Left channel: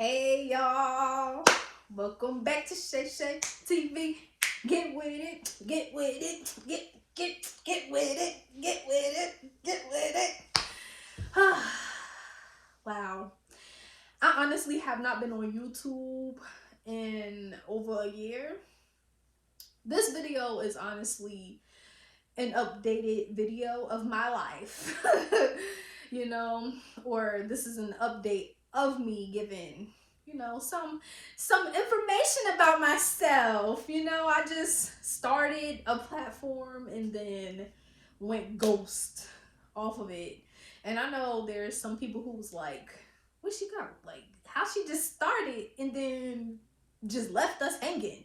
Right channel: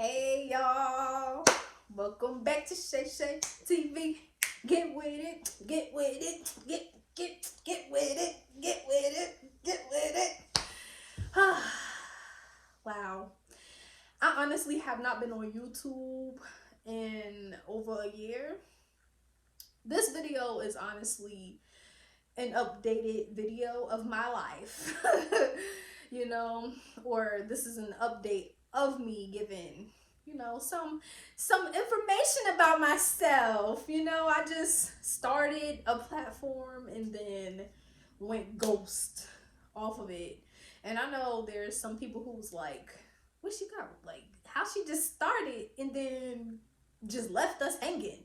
Hey y'all, welcome back to Shay Shay TV. Get with it, get with it, get with it, get with it, get with it. Wow, I honestly have not been on YouTube in over a year. This video is honestly an updated video of my life, you know, or this is an update of me giving, you know, some information about myself. You know, I just started a platform and then went ghost off of it. And I know there's some people who's like, what she got? Like, how she just started and then just left us hanging.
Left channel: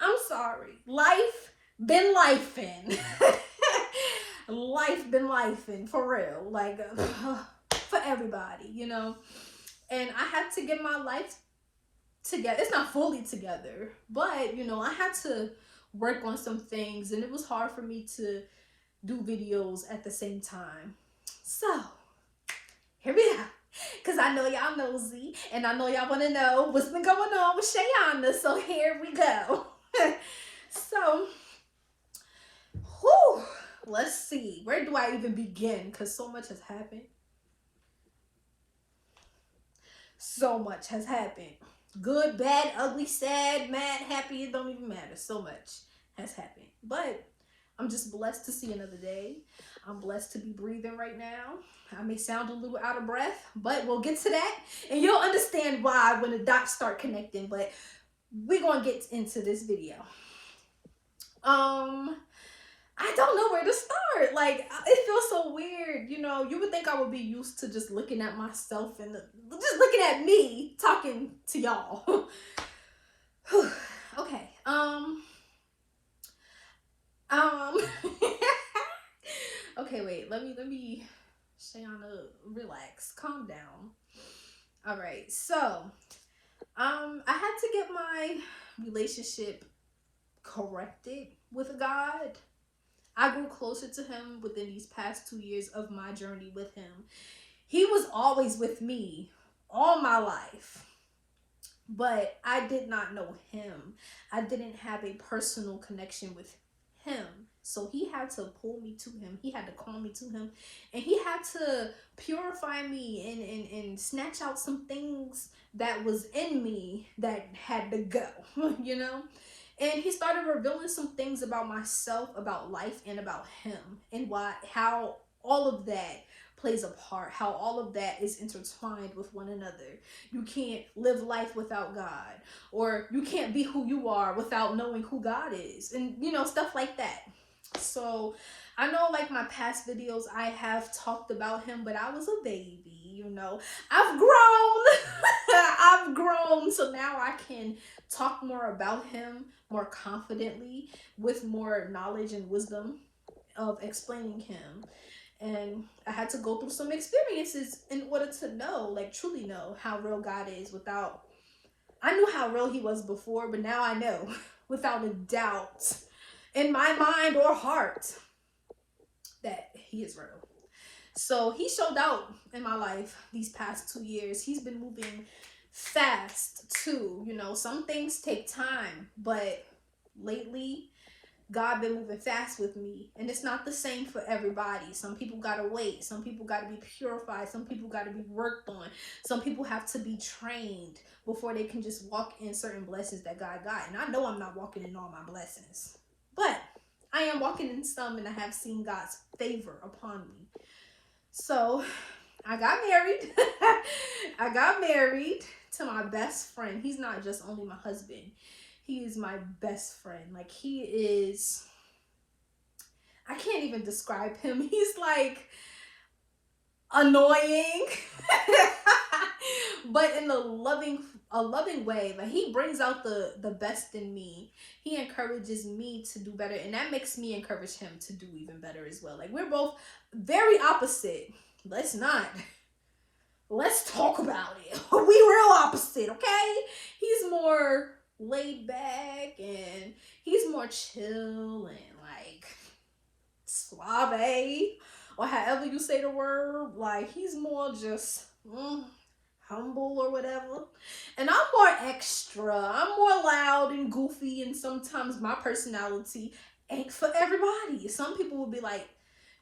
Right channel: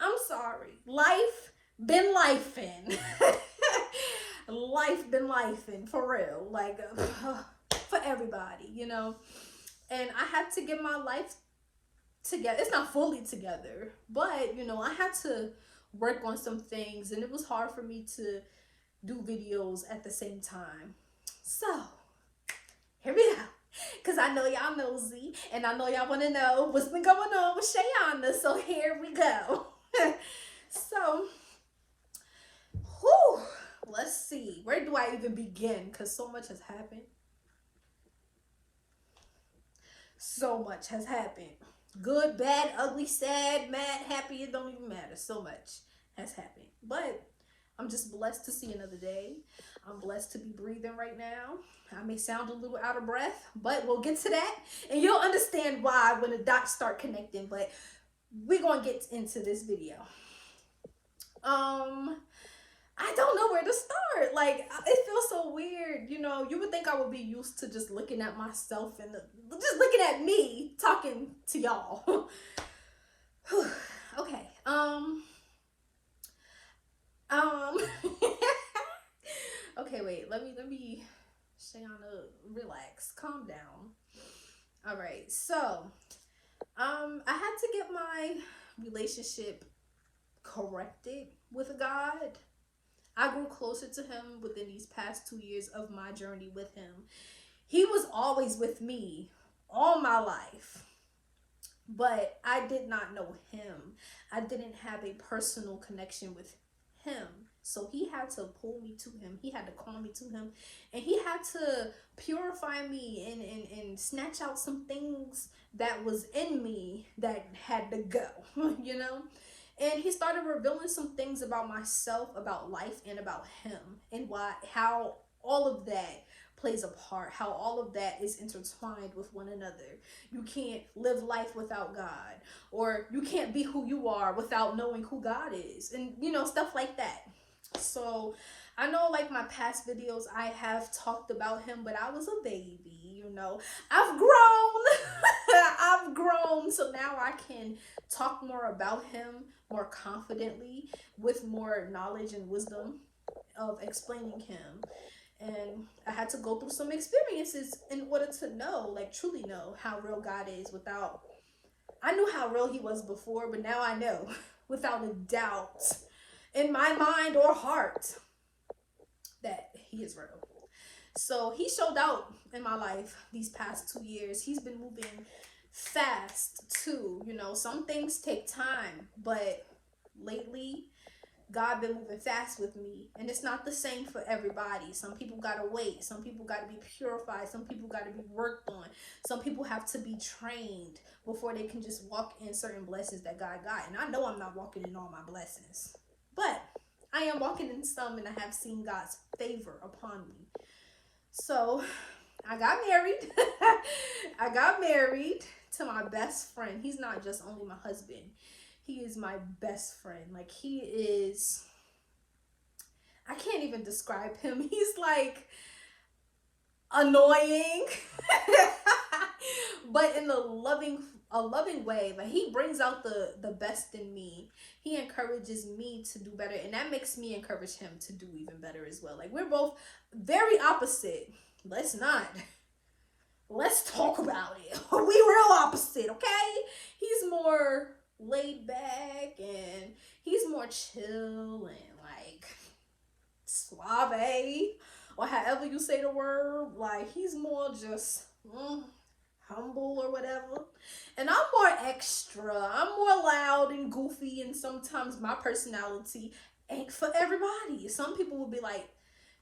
I'm sorry. Life been lifing. Life been lifing, for real. Like, for everybody, you know. And I had to get my life together. It's not fully together, but, you know, I had to work on some things. And it was hard for me to do videos at the same time. So, here we go. Because I know y'all nosy. And I know y'all want to know what's been going on with Shayana. So, here we go. So, whew, let's see. Where do I even begin? Because so much has happened. So much has happened. Good, bad, ugly, sad, mad, happy. It don't even matter. So much has happened. But I'm just blessed to see another day. I'm blessed to be breathing right now. I may sound a little out of breath, but we'll get to that. And you'll understand why when the dots start connecting. But we're going to get into this video. I don't know where to start. Like, it feels so weird. You know, you would think I would be used to just looking at myself and just looking at me talking to y'all. Okay. Okay, wait. Let me stay on relax. Calm down. All right. So, I had to get my relationship corrected with God. I grew closer to him within these past 2 years of my journey with him. He was always with me all my life, but I did not know him. I didn't have a personal connection with him. So he had to pull me to him. He had to call me to him. And he had to purify me and snatch out some things that was in me that had to go, you know? And he started revealing some things about myself, about life, and about him, and how all of that plays a part, how all of that is intertwined with one another. You can't live life without God, or you can't be who you are without knowing who God is, and, you know, stuff like that. So I know, like, my past videos, I have talked about him, but I was a baby, you know. I've grown. I've grown, so now I can talk more about him more confidently with more knowledge and wisdom of explaining him. And I had to go through some experiences in order to know, like, truly know how real God is without... I knew how real he was before, but now I know without a doubt in my mind or heart that he is real. So he showed out in my life these past 2 years. He's been moving fast too. You know, some things take time, but lately God been moving fast with me, and it's not the same for everybody. Some people gotta wait. Some people gotta be purified. Some people gotta be worked on. Some people have to be trained before they can just walk in certain blessings that God got. And I know I'm not walking in all my blessings, but I am walking in some, and I have seen God's favor upon me. So I got married. I got married to my best friend. He's not just only my husband. He is my best friend. Like, he is, I can't even describe him. He's like annoying, but in a loving way. Like, he brings out the best in me. He encourages me to do better, and that makes me encourage him to do even better as well. Like, we're both very opposite. Let's talk about it. We real opposite, okay? He's more laid back, and he's more chill and like suave, or however you say the word. Like, he's more just humble or whatever. And I'm more extra. I'm more loud and goofy, and sometimes my personality ain't for everybody. Some people will be like,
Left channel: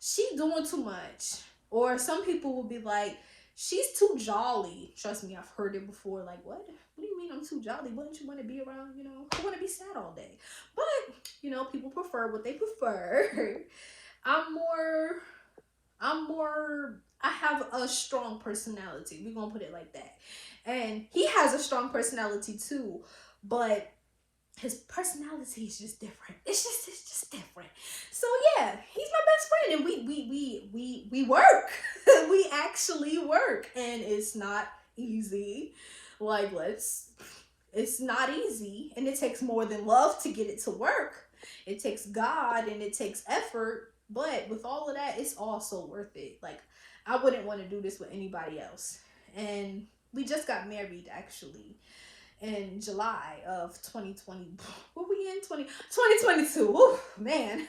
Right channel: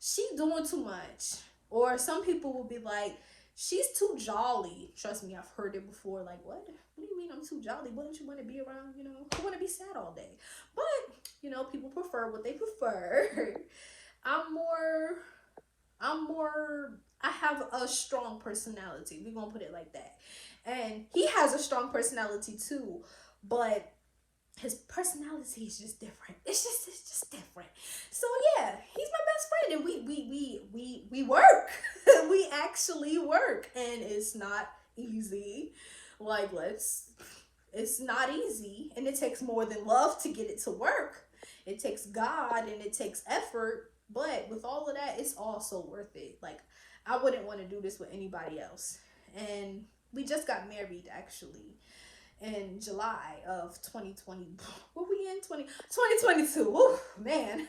she doing too much. Or some people will be like, she's too jolly. Trust me, I've heard it before. Like, what? What do you mean I'm too jolly? Wouldn't you want to be around, who want to be sad all day? But, people prefer what they prefer. I have a strong personality. We're going to put it like that. And he has a strong personality too. But his personality is just different. It's just different. So yeah, he's my best friend, and we work. We actually work, and it's not easy. Like, it's not easy, and it takes more than love to get it to work. It takes God and it takes effort, but with all of that, it's also worth it. Like, I wouldn't want to do this with anybody else. And we just got married actually in July of 2020. What we in? 2022. Ooh, man.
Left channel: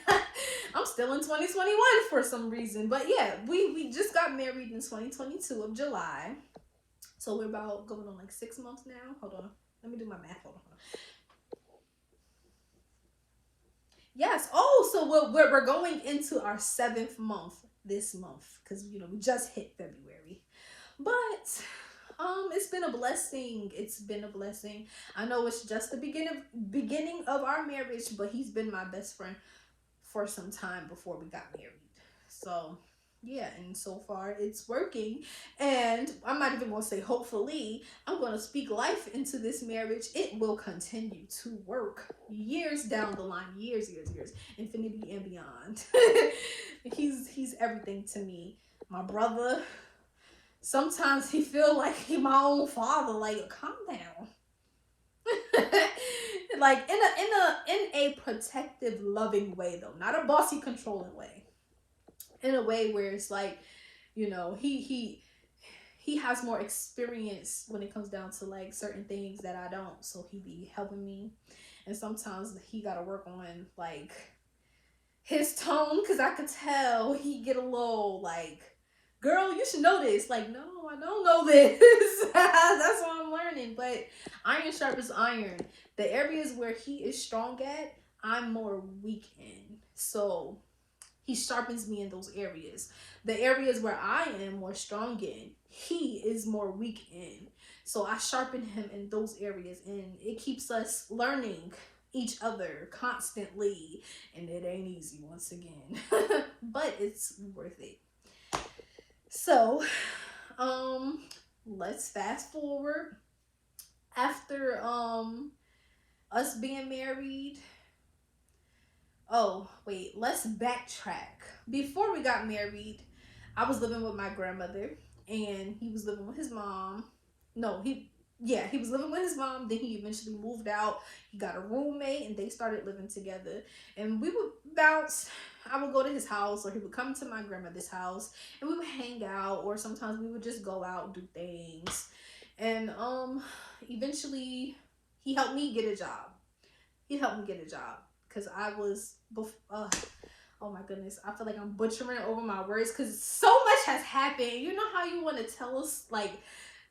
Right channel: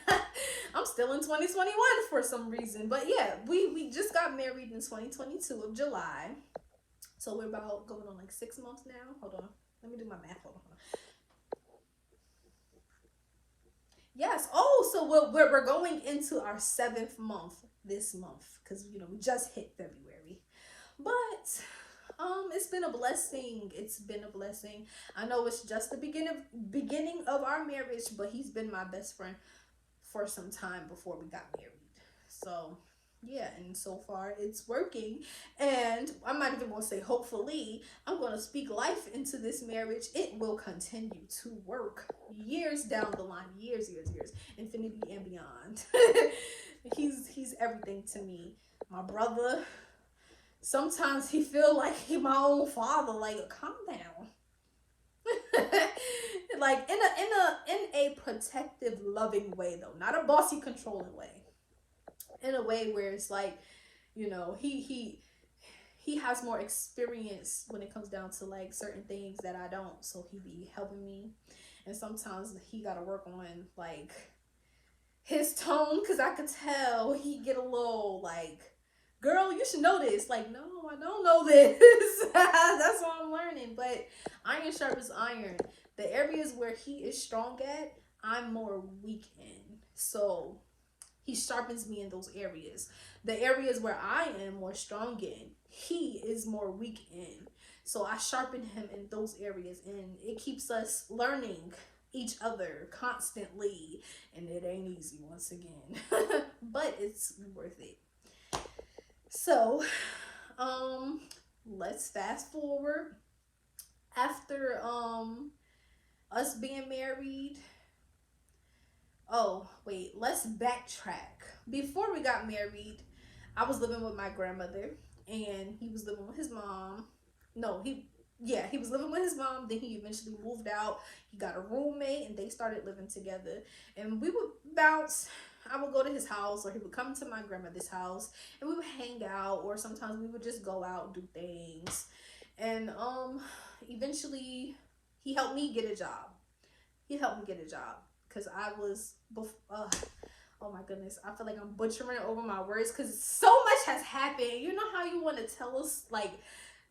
I'm still in 2021 for some reason. But yeah, we just got married in 2022 of July. So we're about going on like 6 months now. Hold on. Let me do my math. Hold on. Yes. Oh, so we're going into our 7th month this month, because we just hit February. But it's been a blessing. It's been a blessing. I know it's just the beginning of our marriage, but he's been my best friend for some time before we got married. So yeah, and so far it's working. And I might even want to say, hopefully, I'm going to speak life into this marriage. It will continue to work years down the line, years, infinity and beyond. He's everything to me. My brother. Sometimes he feel like he my own father. Like, calm down. Like in a protective, loving way though, not a bossy, controlling way. In a way where it's like, he has more experience when it comes down to like certain things that I don't. So he be helping me, and sometimes he gotta work on like his tone, because I could tell he get a little like, girl, you should know this. Like, no, I don't know this. That's what I'm learning. But iron sharpens iron. The areas where he is strong at, I'm more weak in. So he sharpens me in those areas. The areas where I am more strong in, he is more weak in. So I sharpen him in those areas, and it keeps us learning each other constantly. And it ain't easy once again. But it's worth it. So, let's fast forward. After us being married. Oh, wait, let's backtrack. Before we got married, I was living with my grandmother, and he was living with his mom. He was living with his mom. Then he eventually moved out. He got a roommate, and they started living together. And we would bounce. I would go to his house, or he would come to my grandmother's house, and we would hang out, or sometimes we would just go out and do things. And eventually he helped me get a job. Because I was oh my goodness, I feel like I'm butchering over my words because so much has happened. You know how you want to tell us, like,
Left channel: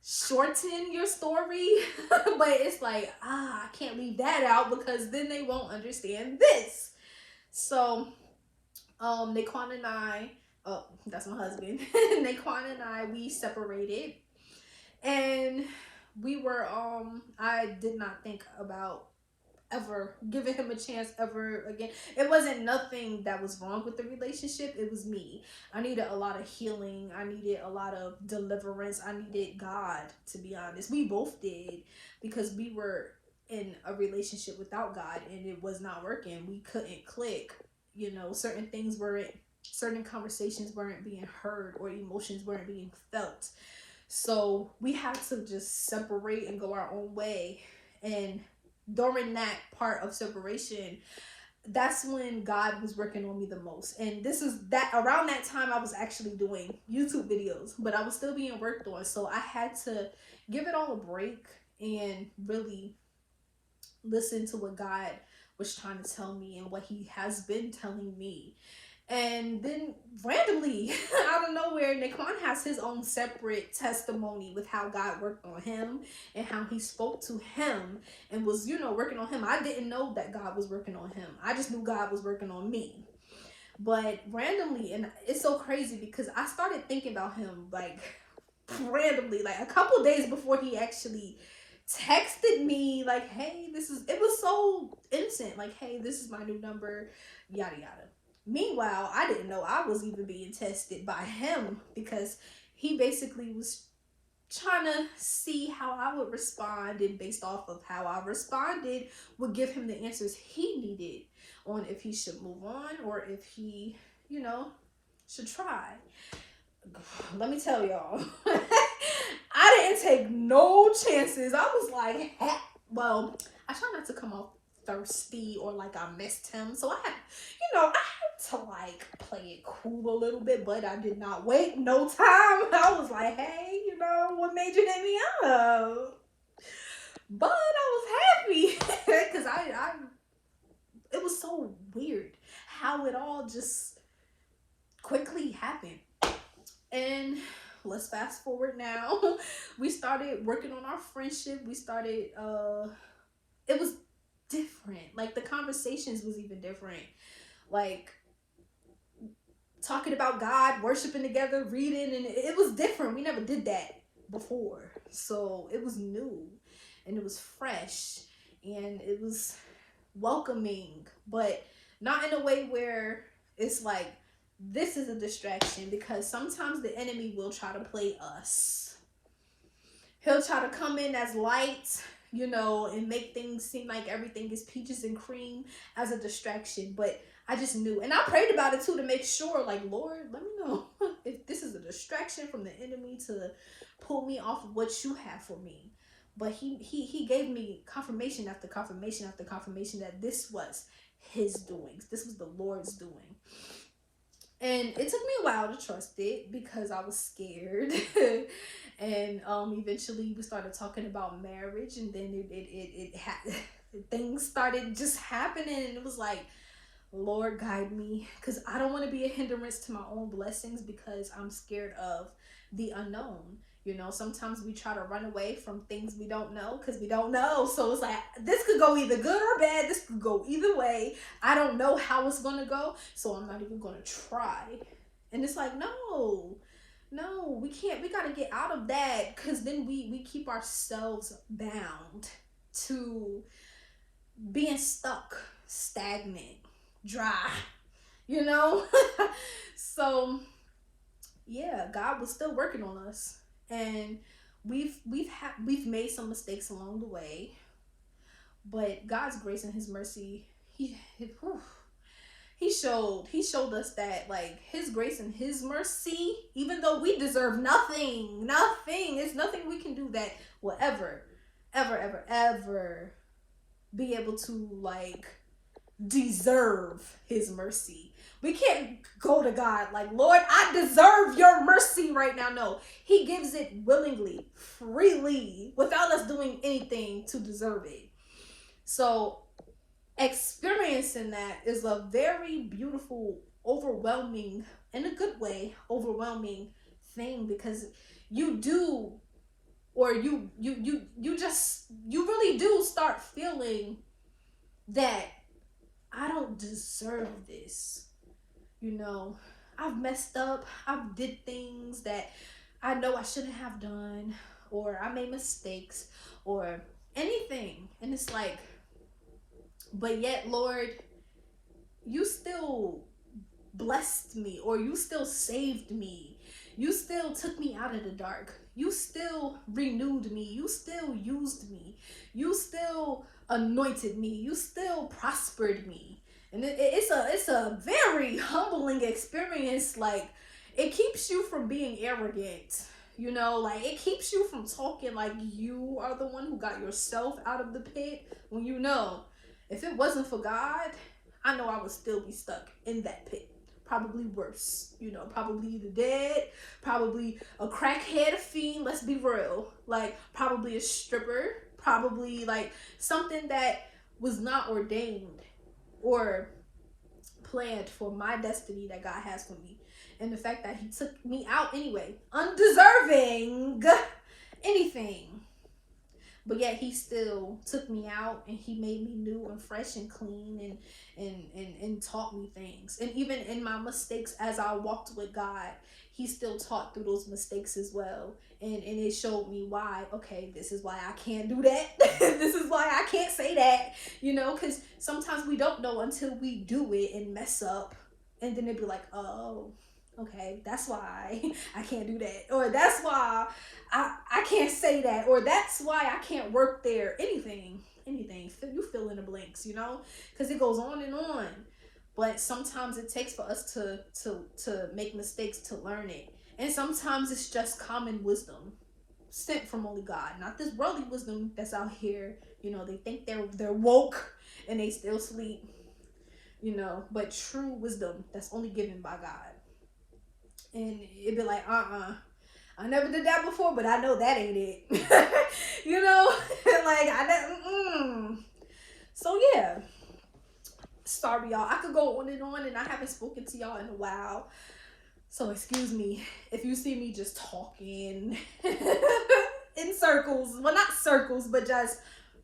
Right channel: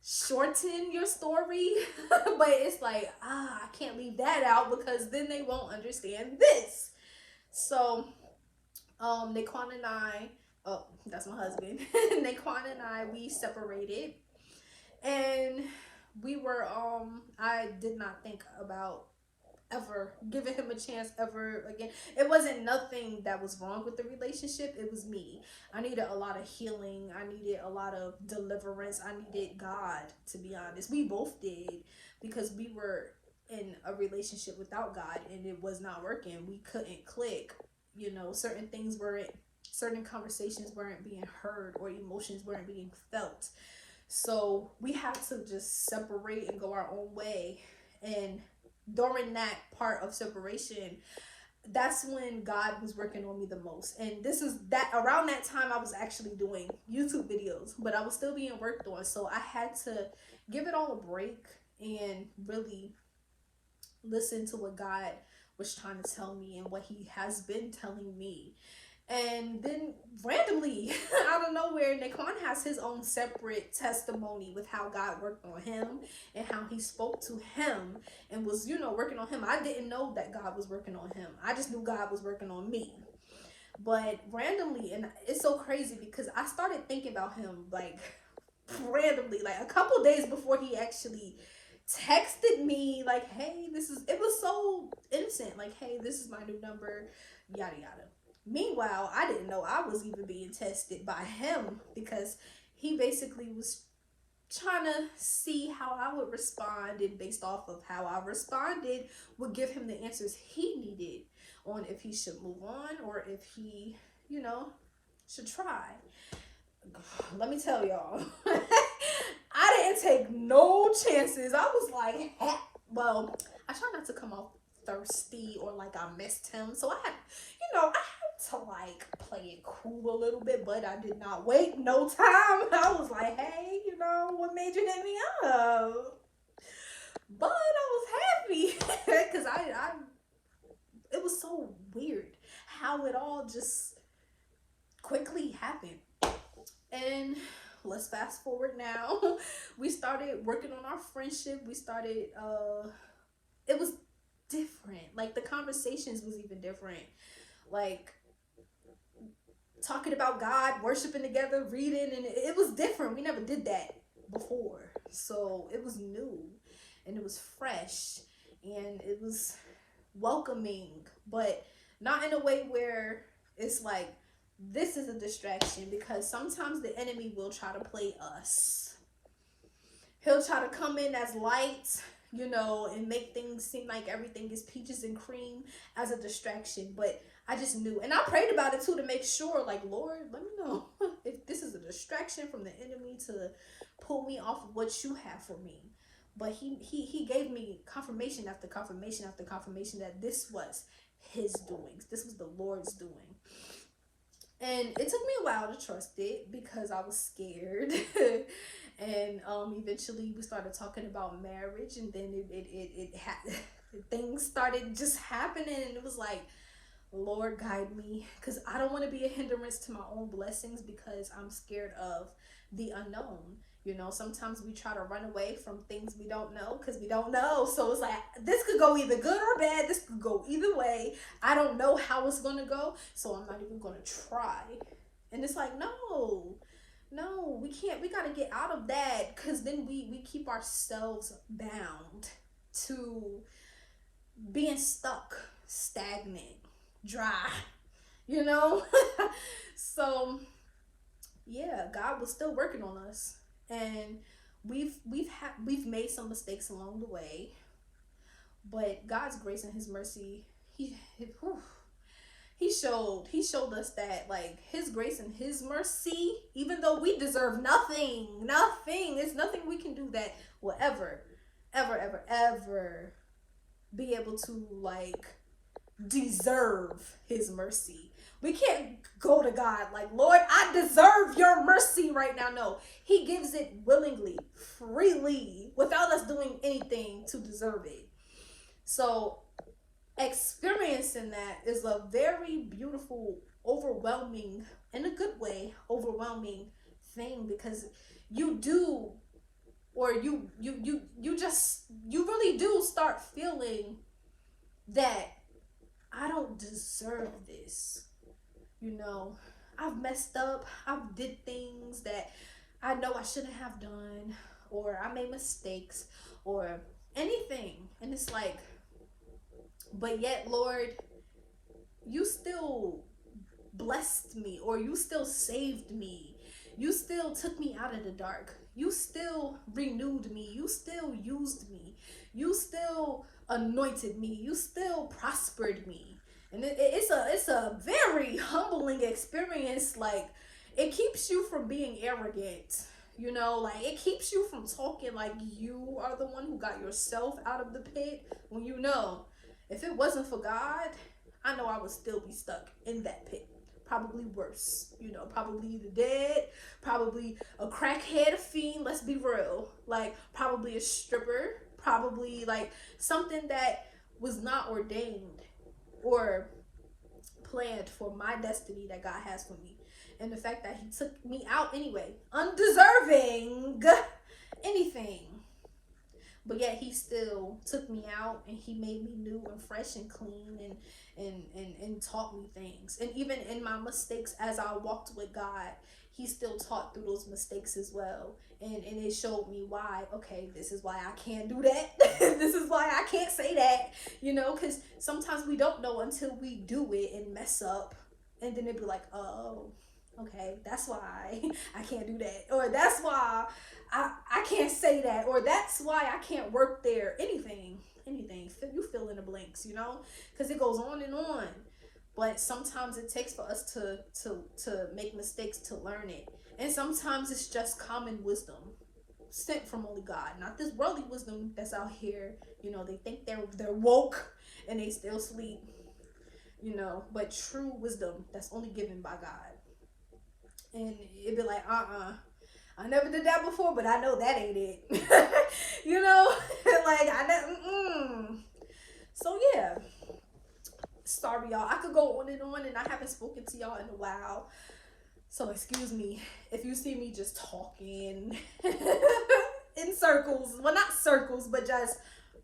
shorten your story, but it's like, I can't leave that out because then they won't understand this. So Naquan and I, oh, that's my husband. Naquan and I, we separated, and we were I did not think about ever giving him a chance ever again. It wasn't nothing that was wrong with the relationship. It was me. I needed a lot of healing. I needed a lot of deliverance. I needed God, to be honest. We both did, because we were in a relationship without God, and it was not working. We couldn't click. Certain conversations weren't being heard, or emotions weren't being felt. So we had to just separate and go our own way. And during that part of separation, that's when God was working on me the most. And around that time I was actually doing YouTube videos, but I was still being worked on. So I had to give it all a break and really listen to what God was trying to tell me and what he has been telling me. And then randomly, out of nowhere, Naquan has his own separate testimony with how God worked on him and how he spoke to him and was, you know, working on him. I didn't know that God was working on him. I just knew God was working on me. But randomly, and it's so crazy because I started thinking about him like randomly, like a couple days before he actually texted me like, hey, it was so innocent, like, hey, this is my new number, yada yada. Meanwhile, I didn't know I was even being tested by him because he basically was trying to see how I would respond, and based off of how I responded would give him the answers he needed on if he should move on or if he, you know, should try. Let me tell y'all, I didn't take no chances. I was like, well, I try not to come off thirsty or like I missed him. So I had, you know, I had to like play it cool a little bit, but I did not wait no time. I was like, hey, you know, what made you hit me up? But I was happy because it was so weird how it all just quickly happened. And let's fast forward now. We started working on our friendship. We started, it was different. Like the conversations was even different. Like talking about God, worshiping together, reading, and it was different. We never did that before. So it was new and it was fresh and it was welcoming, but not in a way where it's like, this is a distraction, because sometimes the enemy will try to play us. He'll try to come in as light, you know, and make things seem like everything is peaches and cream as a distraction. But I just knew, and I prayed about it too to make sure, like, Lord, let me know if this is a distraction from the enemy to pull me off of what you have for me. But he gave me confirmation after confirmation after confirmation that this was his doings. This was the Lord's doing. And it took me a while to trust it because I was scared. And eventually we started talking about marriage, and then things started just happening, and it was like, Lord, guide me, because I don't want to be a hindrance to my own blessings because I'm scared of the unknown. You know, sometimes we try to run away from things we don't know because we don't know. So it's like, this could go either good or bad. This could go either way. I don't know how it's going to go, so I'm not even going to try. And it's like, no, we can't. We got to get out of that, because then we keep ourselves bound to being stuck, stagnant, dry, you know? So, yeah, God was still working on us. And we've made some mistakes along the way, but God's grace and his mercy, he showed us that, like, his grace and his mercy, even though we deserve nothing, it's nothing we can do that will ever be able to, like, deserve his mercy. We can't go to God like, Lord, I deserve your mercy right now. No, he gives it willingly, freely, without us doing anything to deserve it. So experiencing that is a very beautiful, overwhelming, in a good way, overwhelming thing, because you do, or you really do start feeling that I don't deserve this. You know, I've messed up. I've did things that I know I shouldn't have done, or I made mistakes, or anything. And it's like, but yet, Lord, you still blessed me, or you still saved me. You still took me out of the dark. You still renewed me. You still used me. You still anointed me. You still prospered me. And it's a very humbling experience. Like, it keeps you from being arrogant, you know, like it keeps you from talking like you are the one who got yourself out of the pit, when you know, if it wasn't for God, I know I would still be stuck in that pit. Probably worse, you know, probably either dead, probably a crackhead, a fiend, let's be real, like probably a stripper, probably like something that was not ordained, or planned for my destiny that God has for me. And the fact that he took me out anyway, undeserving anything. But yet he still took me out, and he made me new and fresh and clean, and taught me things. And even in my mistakes, as I walked with God, he still taught through those mistakes as well. And it showed me why, okay, this is why I can't do that. This is why I can't say that, you know, because sometimes we don't know until we do it and mess up. And then it'd be like, oh, okay, that's why I can't do that. Or that's why I can't say that. Or that's why I can't work there. Anything. You fill in the blanks, you know, because it goes on and on. But sometimes it takes for us to make mistakes to learn it. And sometimes it's just common wisdom sent from only God. Not this worldly wisdom that's out here. You know, they think they're woke and they still sleep. You know, but true wisdom that's only given by God. And it'd be like, I never did that before, but I know that ain't it. You know, like So yeah. Sorry, y'all. I could go on, and I haven't spoken to y'all in a while. So excuse me if you see me just talking in circles. Well, not circles, but just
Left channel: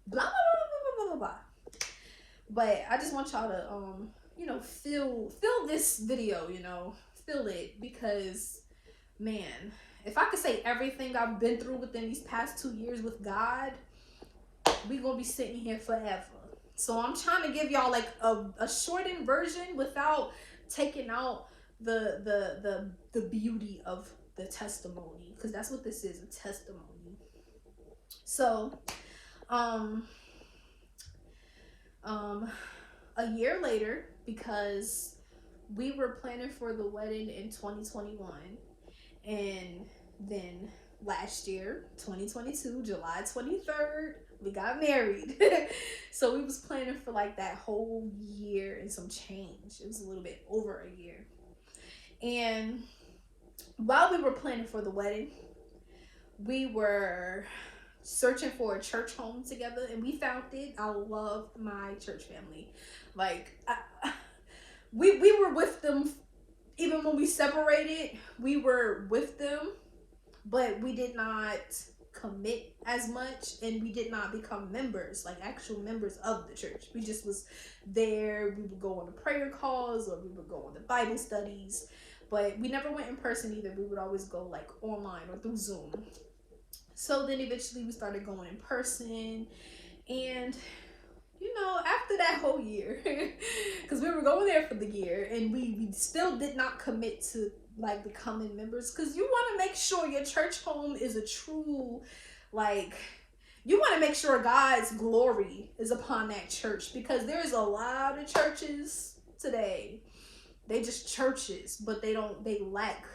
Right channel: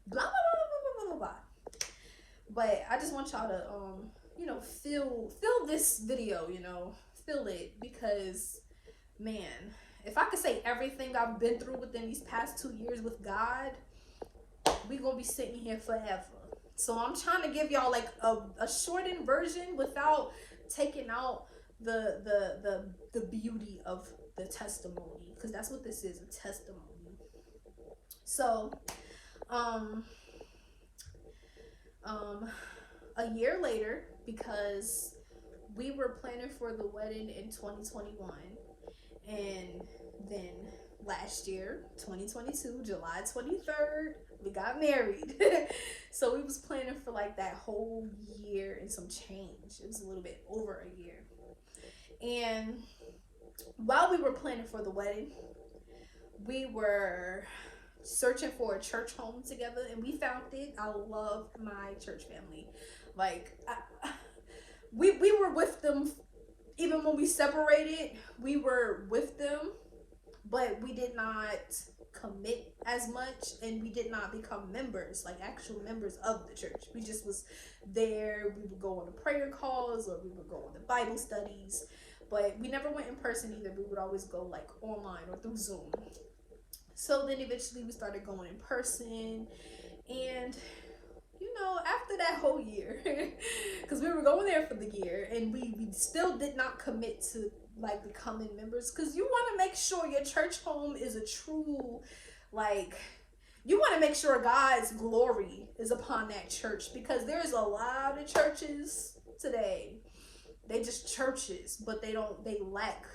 blah, blah, blah, blah, blah, blah. But I just want y'all to, you know, feel this video, you know, feel it, because, man, if I could say everything I've been through within these past 2 years with God, we gonna be sitting here forever. So I'm trying to give y'all like a shortened version without taking out the beauty of the testimony, because that's what this is, a testimony. So a year later, because we were planning for the wedding in 2021, and then last year, 2022, July 23rd, we got married. So we was planning for like that whole year and some change. It was a little bit over a year. And while we were planning for the wedding, we were searching for a church home together, and we found it. I love my church family. Like, we were with them even when we separated. We were with them, but we did not commit as much, and we did not become members, like actual members of the church. We just was there. We would go on the prayer calls, or we would go on the Bible studies, but we never went in person either. We would always go like online or through Zoom. So then eventually we started going in person, and you know, after that whole year, because we were going there for the year, and we still did not commit to like becoming members, because you want to make sure your church home is a true, like, you want to make sure God's glory is upon that church, because there's a lot of churches today, they just churches, but they lack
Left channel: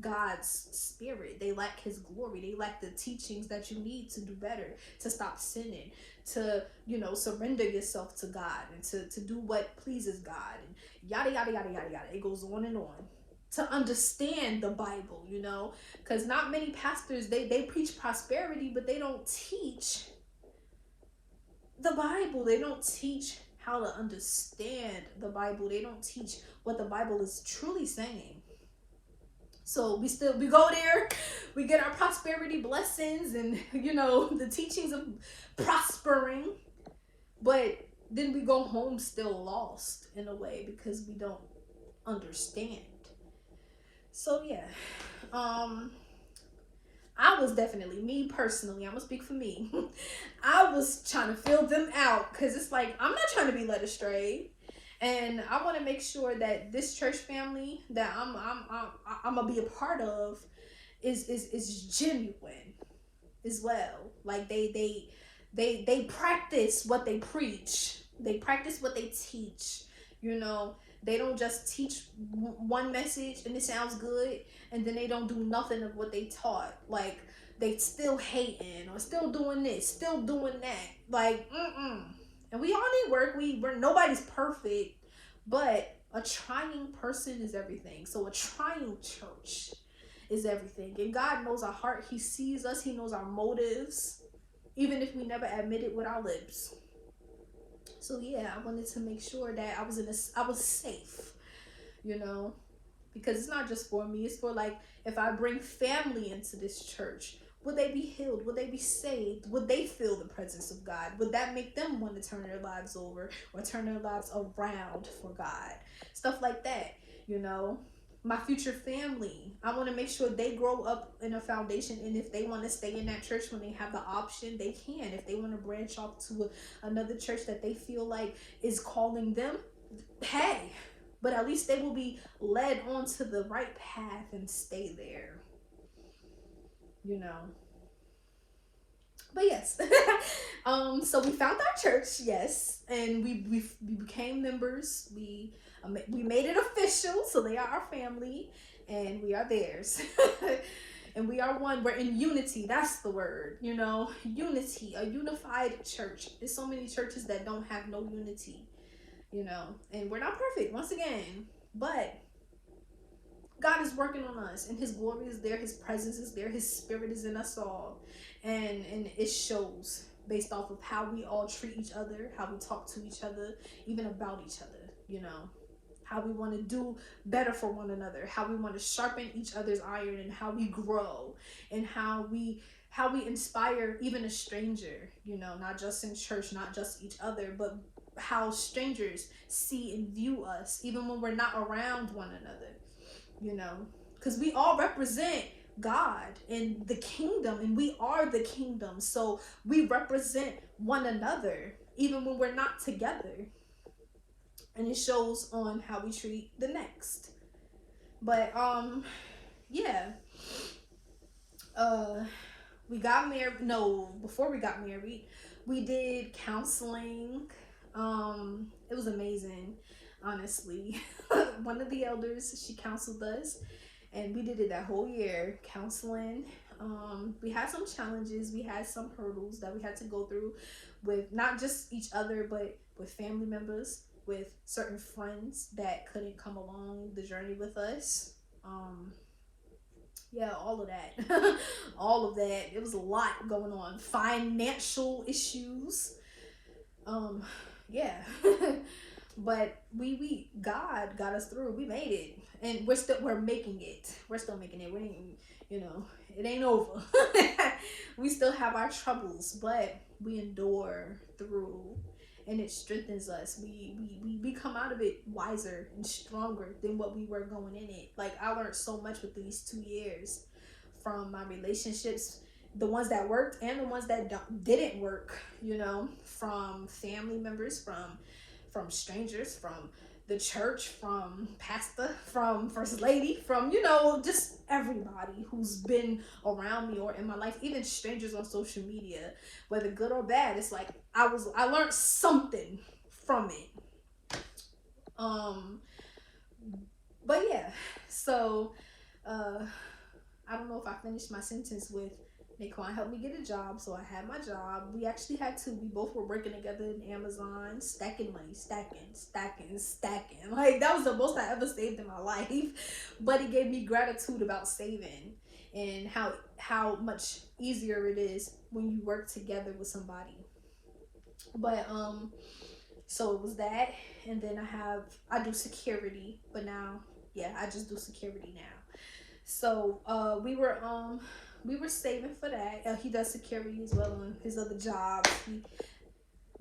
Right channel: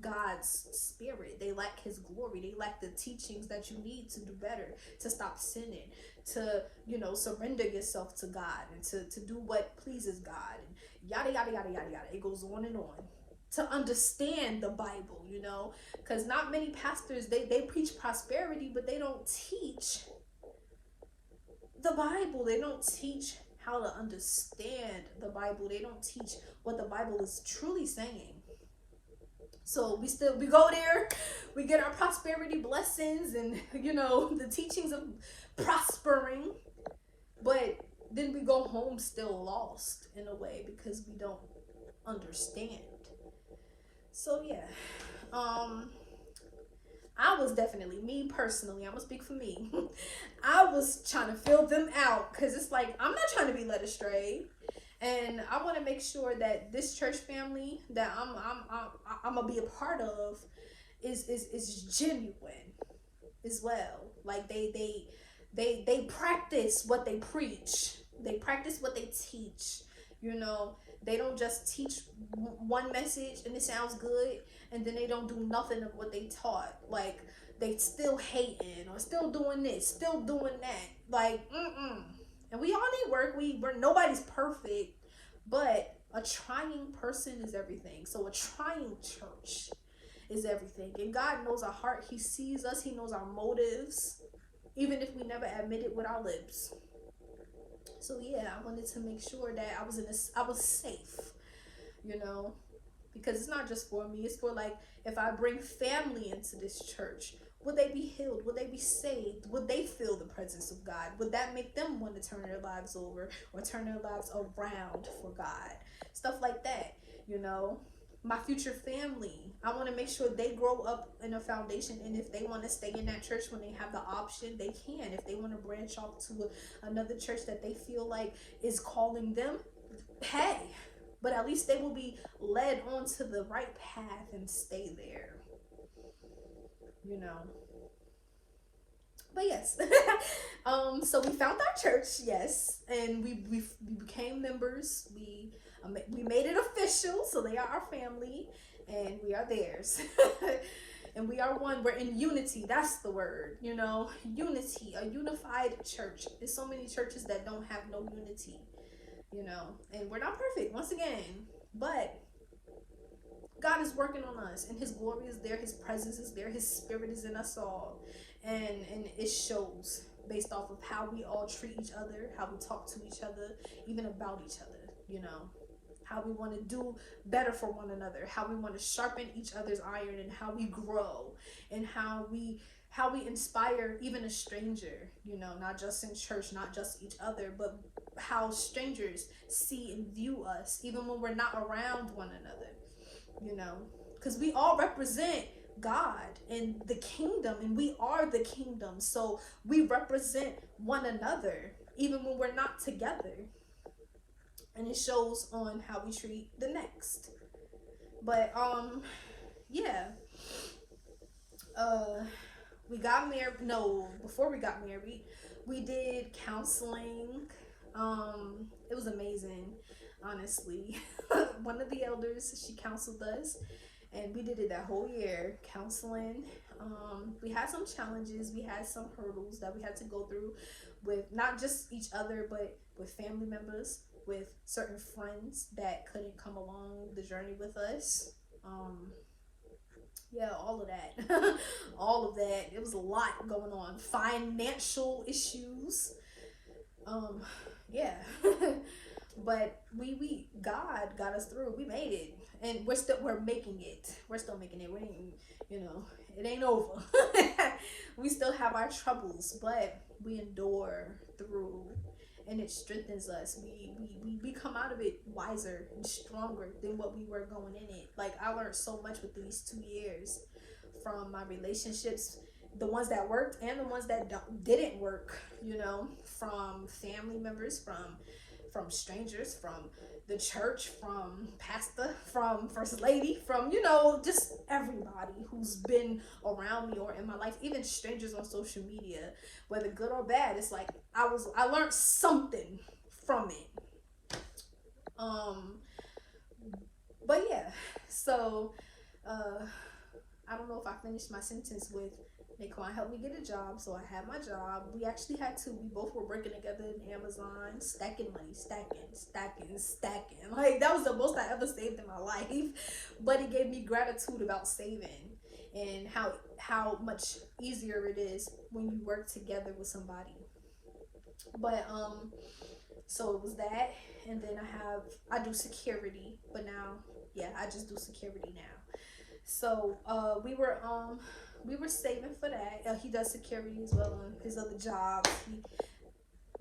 God's spirit. They lack his glory. They lack the teachings that you need to do better, to stop sinning, to, you know, surrender yourself to God, and to do what pleases God, and yada yada yada yada yada. It goes on and on. To understand the Bible, you know, because not many pastors, they preach prosperity, but they don't teach the Bible. They don't teach how to understand the Bible. They don't teach what the Bible is truly saying. So we go there, we get our prosperity blessings, and, you know, the teachings of prospering, but then we go home still lost in a way, because we don't understand. So yeah, I was definitely, me personally, I'm gonna speak for me. I was trying to fill them out, because it's like, I'm not trying to be led astray, and I want to make sure that this church family that I'm gonna be a part of is genuine as well. Like they practice what they preach. They practice what they teach. You know, they don't just teach one message and it sounds good, and then they don't do nothing of what they taught. Like, they still hating, or still doing this, still doing that. Like, And we all need work. Nobody's perfect, but a trying person is everything. So a trying church is everything. And God knows our heart. He sees us. He knows our motives, even if we never admit it with our lips. So yeah, I wanted to make sure that I was safe. you know, because it's not just for me, it's for like, if I bring family into this church, would they be healed? Would they be saved? Would they feel the presence of God? Would that make them want to turn their lives over or turn their lives around for God? Stuff like that, you know. My future family, I want to make sure they grow up in a foundation, and if they want to stay in that church when they have the option, they can. If they want to branch off to another church that they feel like is calling them, hey, but at least they will be led onto the right path and stay there, you know. But yes, so we found our church, yes, and we became members. We made it official, so they are our family, and we are theirs. And we are one. We're in unity. That's the word, you know, unity, a unified church. There's so many churches that don't have no unity, you know, and we're not perfect, once again, but God is working on us, and his glory is there, his presence is there, his spirit is in us all, and it shows based off of how we all treat each other, how we talk to each other, even about each other, you know, how we want to do better for one another, how we want to sharpen each other's iron, and how we grow, and how we inspire even a stranger, you know, not just in church, not just each other, but how strangers see and view us even when we're not around one another, you know, because we all represent God and the kingdom, and we are the kingdom, so we represent one another even when we're not together, and it shows on how we treat the next. But yeah, we got married. No, before we got married, we did counseling. It was amazing, honestly. One of the elders, she counseled us, and we did it that whole year, counseling. We had some challenges, we had some hurdles that we had to go through with not just each other, but with family members, with certain friends that couldn't come along the journey with us. Yeah, all of that. All of that. It was a lot going on. Financial issues. Yeah. But God got us through. We made it, and we're making it. We're still making it. We ain't, you know, it ain't over. We still have our troubles, but we endure through, and it strengthens us. We come out of it wiser and stronger than what we were going in it. Like, I learned so much with these 2 years from my relationships, the ones that worked and the ones that didn't work, you know, from family members, from strangers, from the church, from pastor, from first lady, from, you know, just everybody who's been around me or in my life, even strangers on social media, whether good or bad. It's like I learned something from it. But yeah, so I don't know if I finished my sentence with Naquan helped me get a job, so I had my job. We actually had to. We both were working together in Amazon, stacking money, stacking. Like, that was the most I ever saved in my life. But it gave me gratitude about saving, and how much easier it is when you work together with somebody. But so it was that, and then I do security, but now, yeah, I just do security now. So we were saving for that. He does security as well on his other jobs.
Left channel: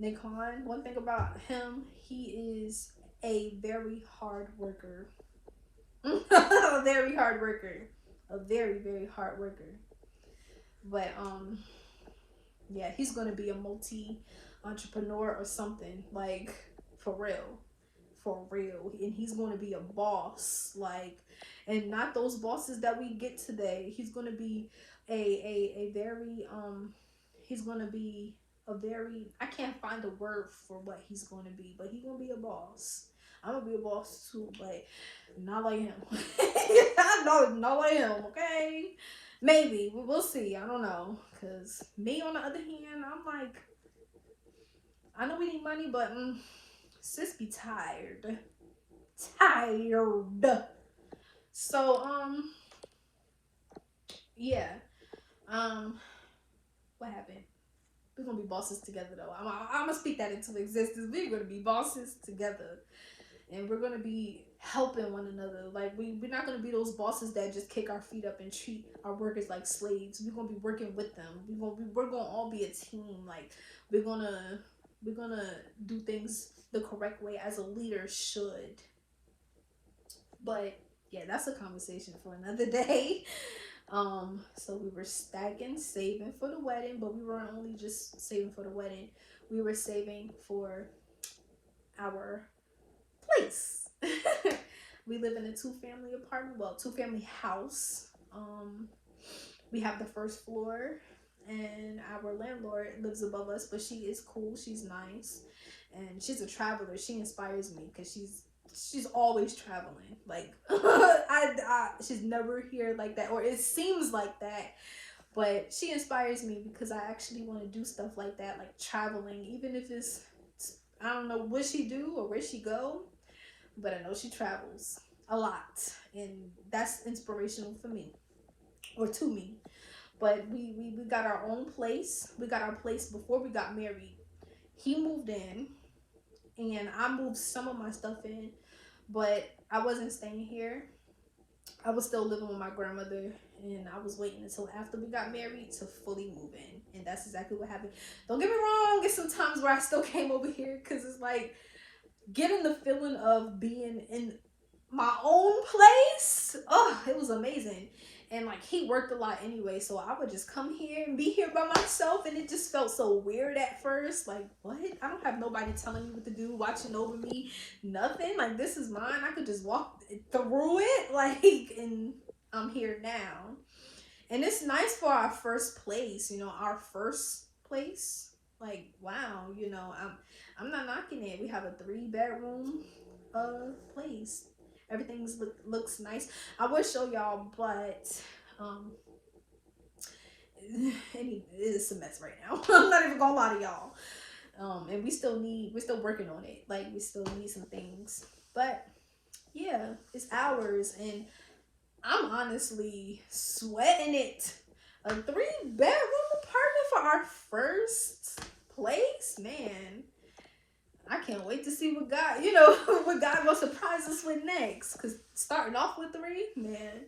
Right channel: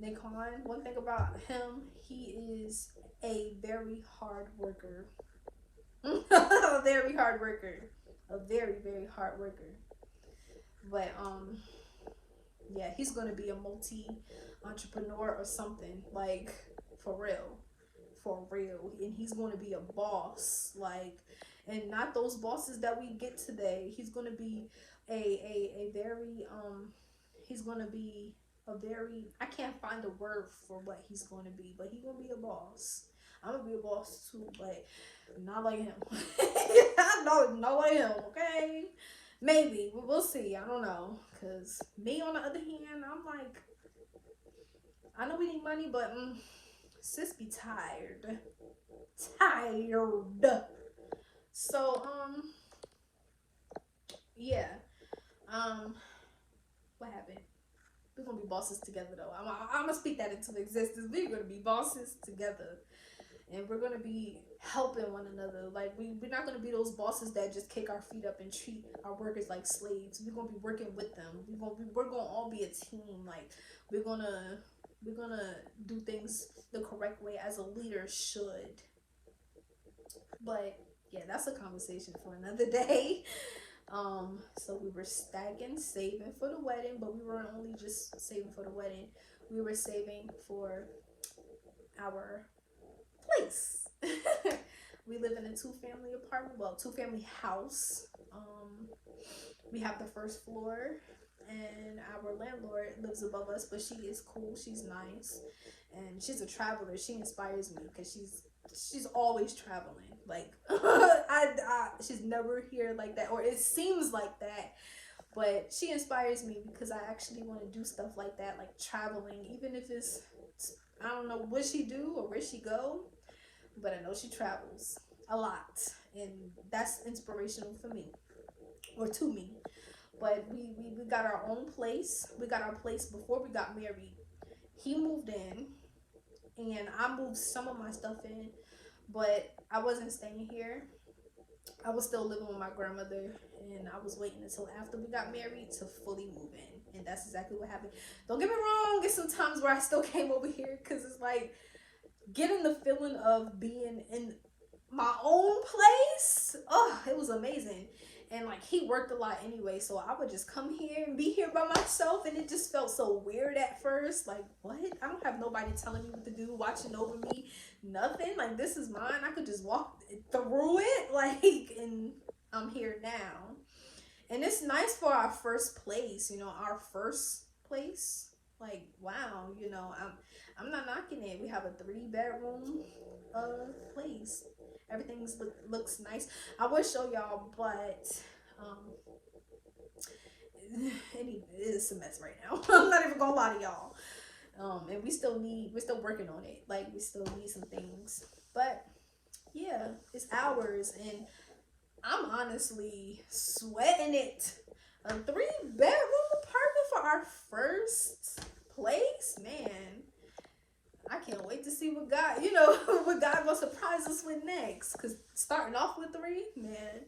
Naquan, one thing about him, he is a very hard worker. A very hard worker. A very, very hard worker. But yeah, he's gonna be a multi-entrepreneur or something, like, for real. For real. And he's gonna be a boss, like, and not those bosses that we get today. He's gonna be a very he's gonna be a very, I can't find a word for what he's gonna be, but he's gonna be a boss. I'm gonna be a boss too, but not like him. Not like him, okay? Maybe we'll see. I don't know, because me, on the other hand, I'm like, I know we need money, but sis be tired. So yeah, what happened? We're gonna be bosses together, though. I'm gonna speak that into existence. We're gonna be bosses together. and we're gonna be helping one another. Like we're not gonna be those bosses that just kick our feet up and treat our workers like slaves. We're gonna be working with them. We're gonna all be a team. Like we're gonna do things the correct way as a leader should. But yeah, that's a conversation for another day. So we were stacking, saving for the wedding, but we weren't only just saving for the wedding. We were saving for our place. We live in a two-family apartment, well, two-family house. We have the first floor, and our landlord lives above us, but she is cool. She's nice, and she's a traveler. She inspires me because she's always traveling. Like she's never here like that, or it seems like that. But she inspires me because I actually want to do stuff like that, like traveling, even if it's, I don't know what she do or where she go, but I know she travels a lot, and that's inspirational for me, or to me. But we got our own place. We got our place before we got married. He moved in, and I moved some of my stuff in, but I wasn't staying here. I was still living with my grandmother, and I was waiting until after we got married to fully move in, and that's exactly what happened. Don't get me wrong, there's some times where I still came over here because it's like getting the feeling of being in my own place. Oh, it was amazing. And like he worked a lot anyway, so I would just come here and be here by myself, and it just felt so weird at first. Like, what? I don't have nobody telling me what to do, watching over me, nothing. Like, this is mine. I could just walk through it, like, and I'm here now. And it's nice for our first place, you know, our first place. Like, wow, you know, I'm not knocking it. We have a 3-bedroom place. Everything looks nice. I would show y'all, but it's a mess right now. I'm not even gonna lie to y'all. And we're still working on it. Like, we still need some things. But yeah, it's ours, and I'm honestly sweating it. A 3-bedroom apartment for our first place, man. I can't wait to see what God, you know, what God will surprise us with next. Because starting off with 3, man.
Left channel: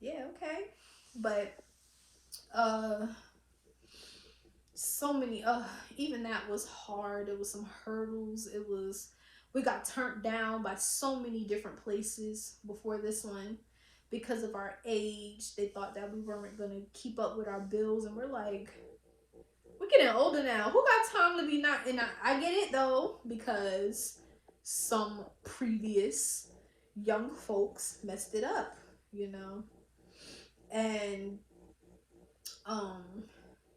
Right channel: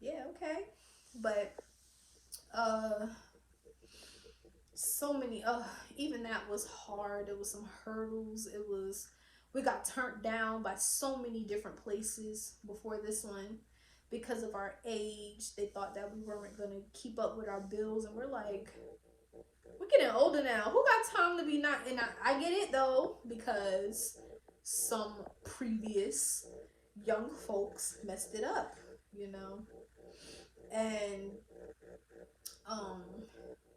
Yeah, okay. But, so many, even that was hard. There was some hurdles. We got turned down by so many different places before this one. Because of our age, they thought that we weren't going to keep up with our bills. And we're like, we're getting older now. Who got time to be not? And I get it though, because some previous young folks messed it up, you know. And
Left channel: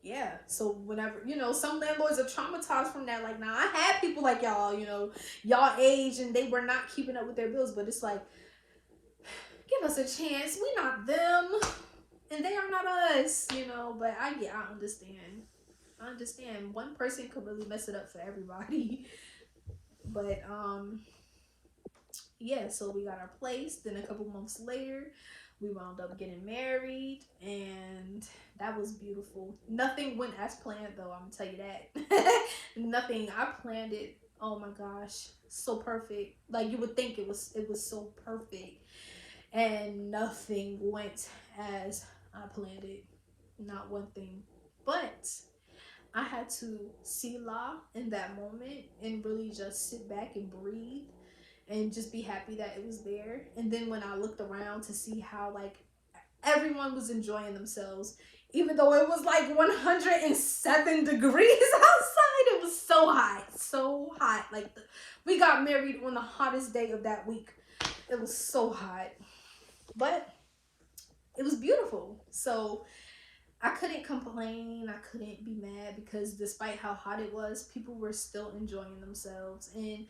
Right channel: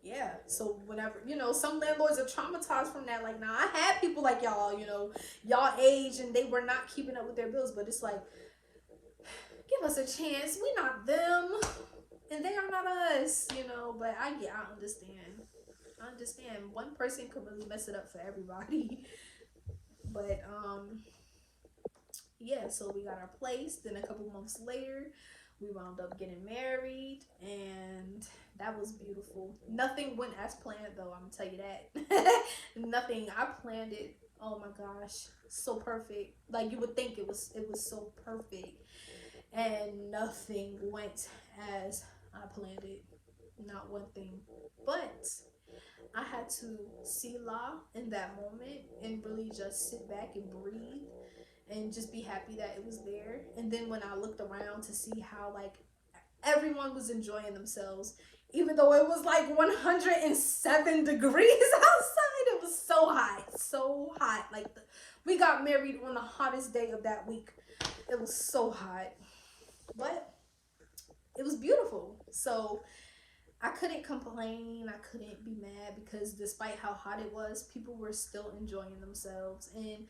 yeah. So whenever, you know, some landlords are traumatized from that. Like, nah, I had people like y'all, you know, y'all age, and they were not keeping up with their bills. But it's like, give us a chance. We not them, and they are not us, you know. But I understand. I understand. One person could really mess it up for everybody. But yeah, so we got our place. Then a couple months later, we wound up getting married, and that was beautiful. Nothing went as planned though, I'm gonna tell you that. Nothing. I planned it. Oh my gosh, so perfect. Like, you would think it was so perfect, and nothing went as I planned it. Not one thing. But I had to selah in that moment and really just sit back and breathe and just be happy that it was there. And then when I looked around to see how, like, everyone was enjoying themselves, even though it was like 107 degrees outside, it was so hot, so hot. Like, we got married on the hottest day of that week. It was so hot, but it was beautiful. So I couldn't complain. I couldn't be mad, because despite how hot it was, people were still enjoying themselves. And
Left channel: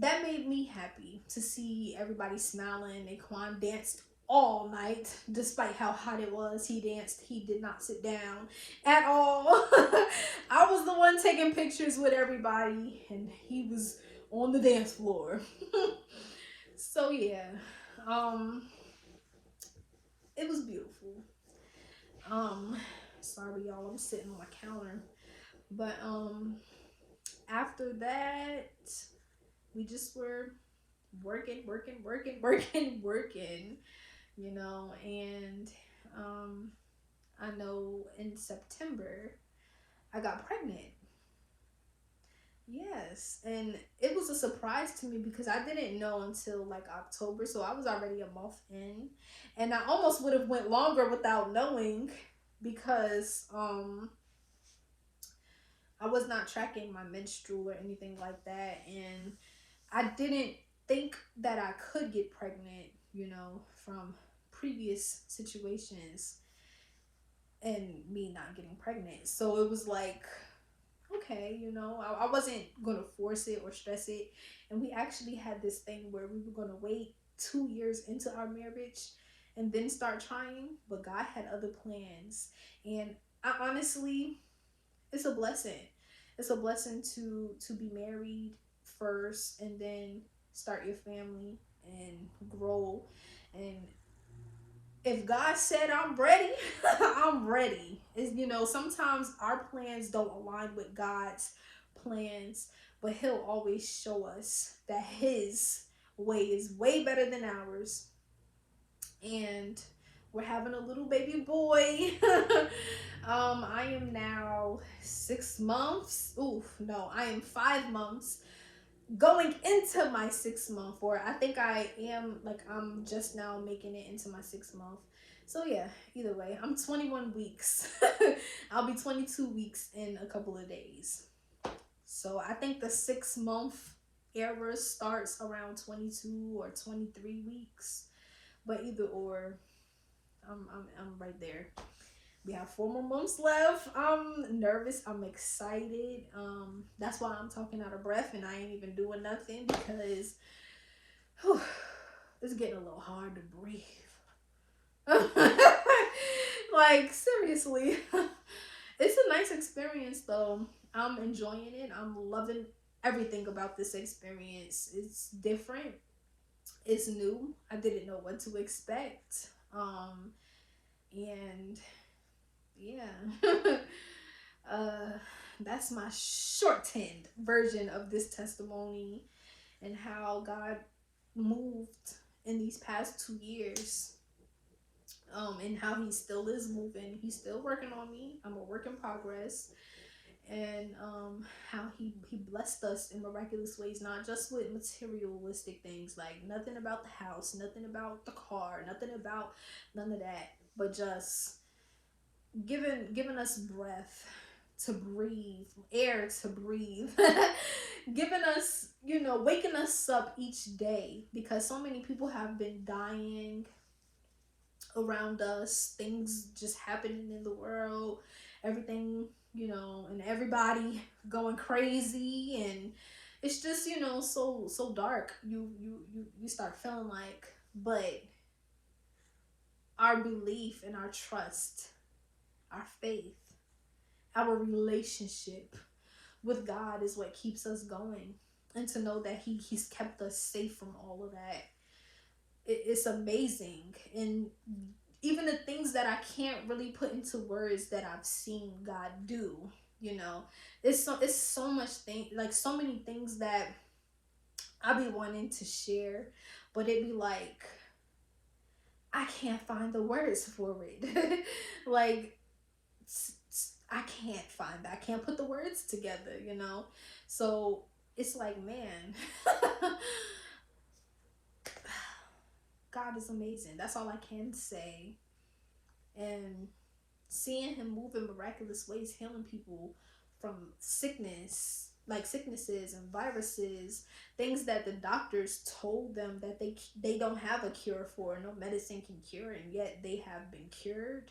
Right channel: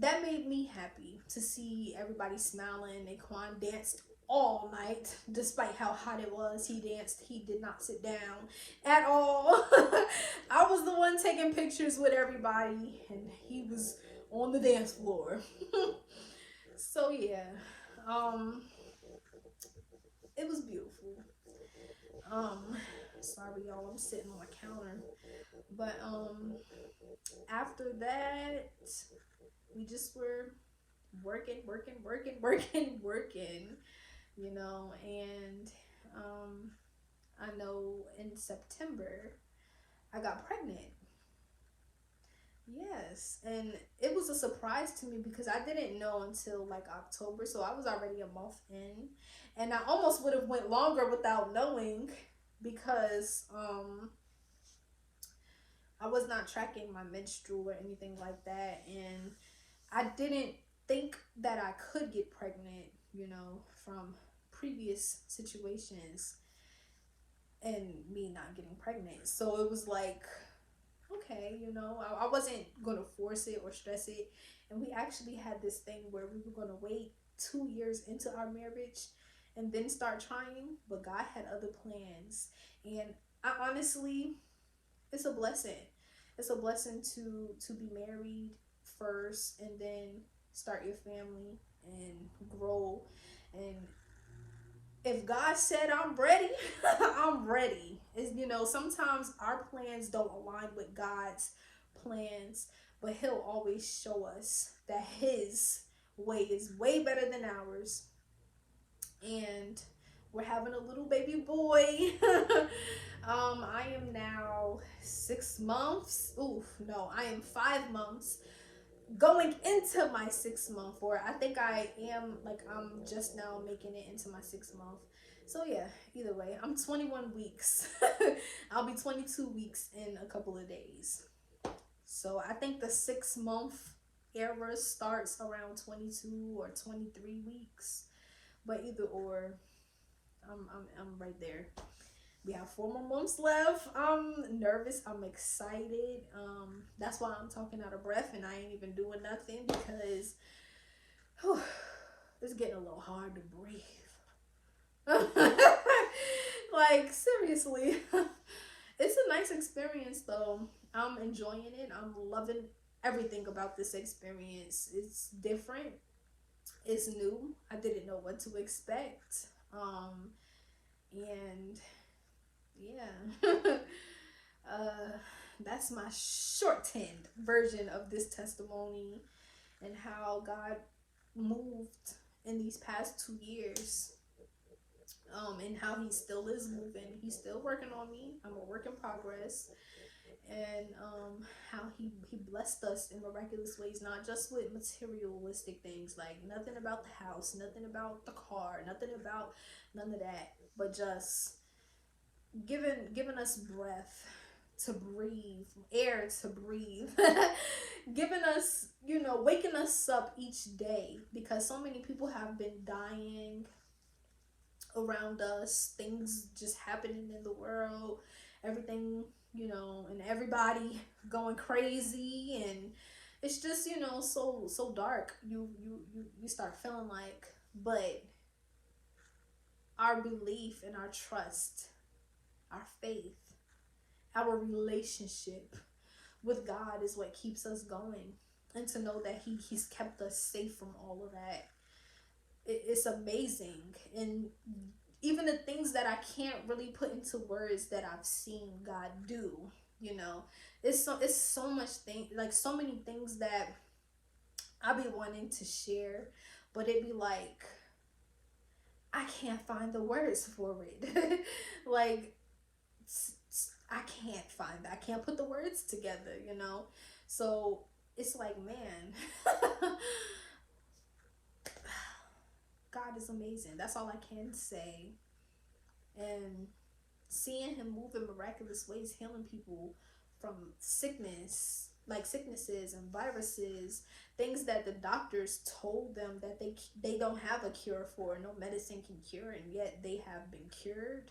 that made me happy to see everybody smiling. Naquan danced all night, despite how hot it was. He danced. He did not sit down at all. I was the one taking pictures with everybody, and he was on the dance floor. So yeah, it was beautiful. sorry y'all, I'm sitting on my counter. But after that, we just were working, you know. And I know in September I got pregnant. Yes, and it was a surprise to me because I didn't know until like October, so I was already a month in, and I almost would have went longer without knowing because I was not tracking my menstrual or anything like that, and I didn't think that I could get pregnant, you know, from previous situations and me not getting pregnant. So it was like, okay, you know, I wasn't gonna force it or stress it. And we actually had this thing where we were gonna wait 2 years into our marriage and then start trying, but God had other plans. And I honestly, it's a blessing. It's a blessing to be married first and then start your family and grow. And if God said I'm ready, I'm ready. It's, you know, sometimes our plans don't align with God's plans, but He'll always show us that His way is way better than ours. And we're having a little baby boy. I am now 6 months. Oof, no, I am 5 months going into my 6 month, or I think I am, like, I'm just now making it into my 6 month. So yeah, either way, I'm 21 weeks. I'll be 22 weeks in a couple of days. So I think the 6 month era starts around 22 or 23 weeks. But either or, I'm right there. We have 4 more months left. I'm nervous. I'm excited. That's why I'm talking out of breath and I ain't even doing nothing because whew, it's getting a little hard to breathe. Like, seriously. It's a nice experience though. I'm enjoying it. I'm loving everything about this experience. It's different. It's new. I didn't know what to expect. And yeah. That's my shortened version of this testimony and how God moved in these past 2 years. And how He still is moving. He's still working on me. I'm a work in progress. And how he blessed us in miraculous ways, not just with materialistic things, like nothing about the house, nothing about the car, nothing about none of that, but just giving us breath to breathe, air to breathe, giving us, you know, waking us up each day, because so many people have been dying around us, things just happening in the world, everything, you know, and everybody going crazy, and it's just, you know, so dark. You start feeling like, but our belief and our trust, our faith, our relationship with God is what keeps us going. And to know that He's kept us safe from all of that, it's amazing. And even the things that I can't really put into words that I've seen God do, you know, it's so much thing, like so many things that I be wanting to share, but it be like I can't find the words for it. Like I can't find that. I can't put the words together, you know. So it's like, man, God is amazing. That's all I can say. And seeing Him move in miraculous ways, healing people from sickness, like sicknesses and viruses, things that the doctors told them that they don't have a cure for, no medicine can cure, and yet they have been cured.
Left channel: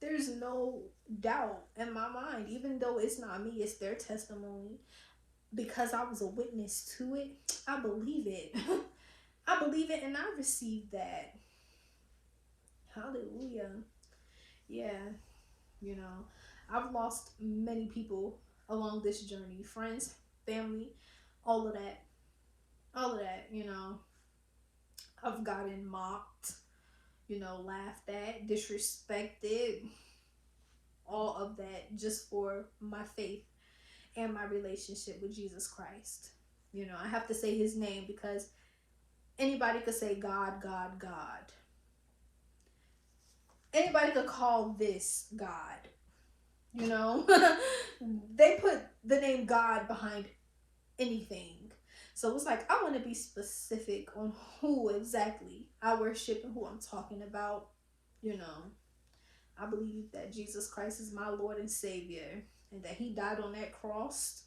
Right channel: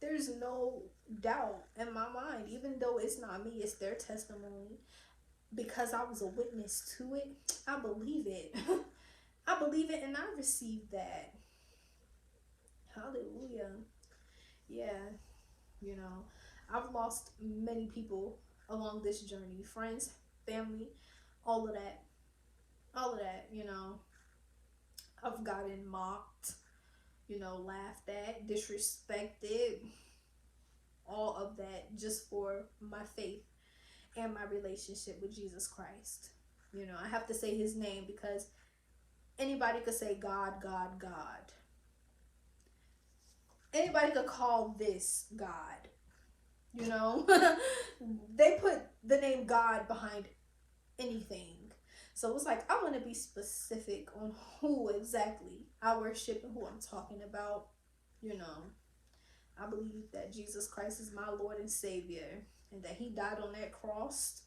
There's no doubt in my mind, even though it's not me, it's their testimony. Because I was a witness to it, I believe it. I believe it and I receive that. Hallelujah. Yeah, you know, I've lost many people along this journey, friends, family, all of that, you know. I've gotten mocked, you know, laughed at, disrespected, just for my faith and my relationship with Jesus Christ. You know, I have to say his name because anybody could say God, God, God. Anybody could call this God. You know, they put the name God behind anything. So it's like, I want to be specific on who exactly I worship and who I'm talking about. You know, I believe that Jesus Christ is my Lord and Savior, and that he died on that cross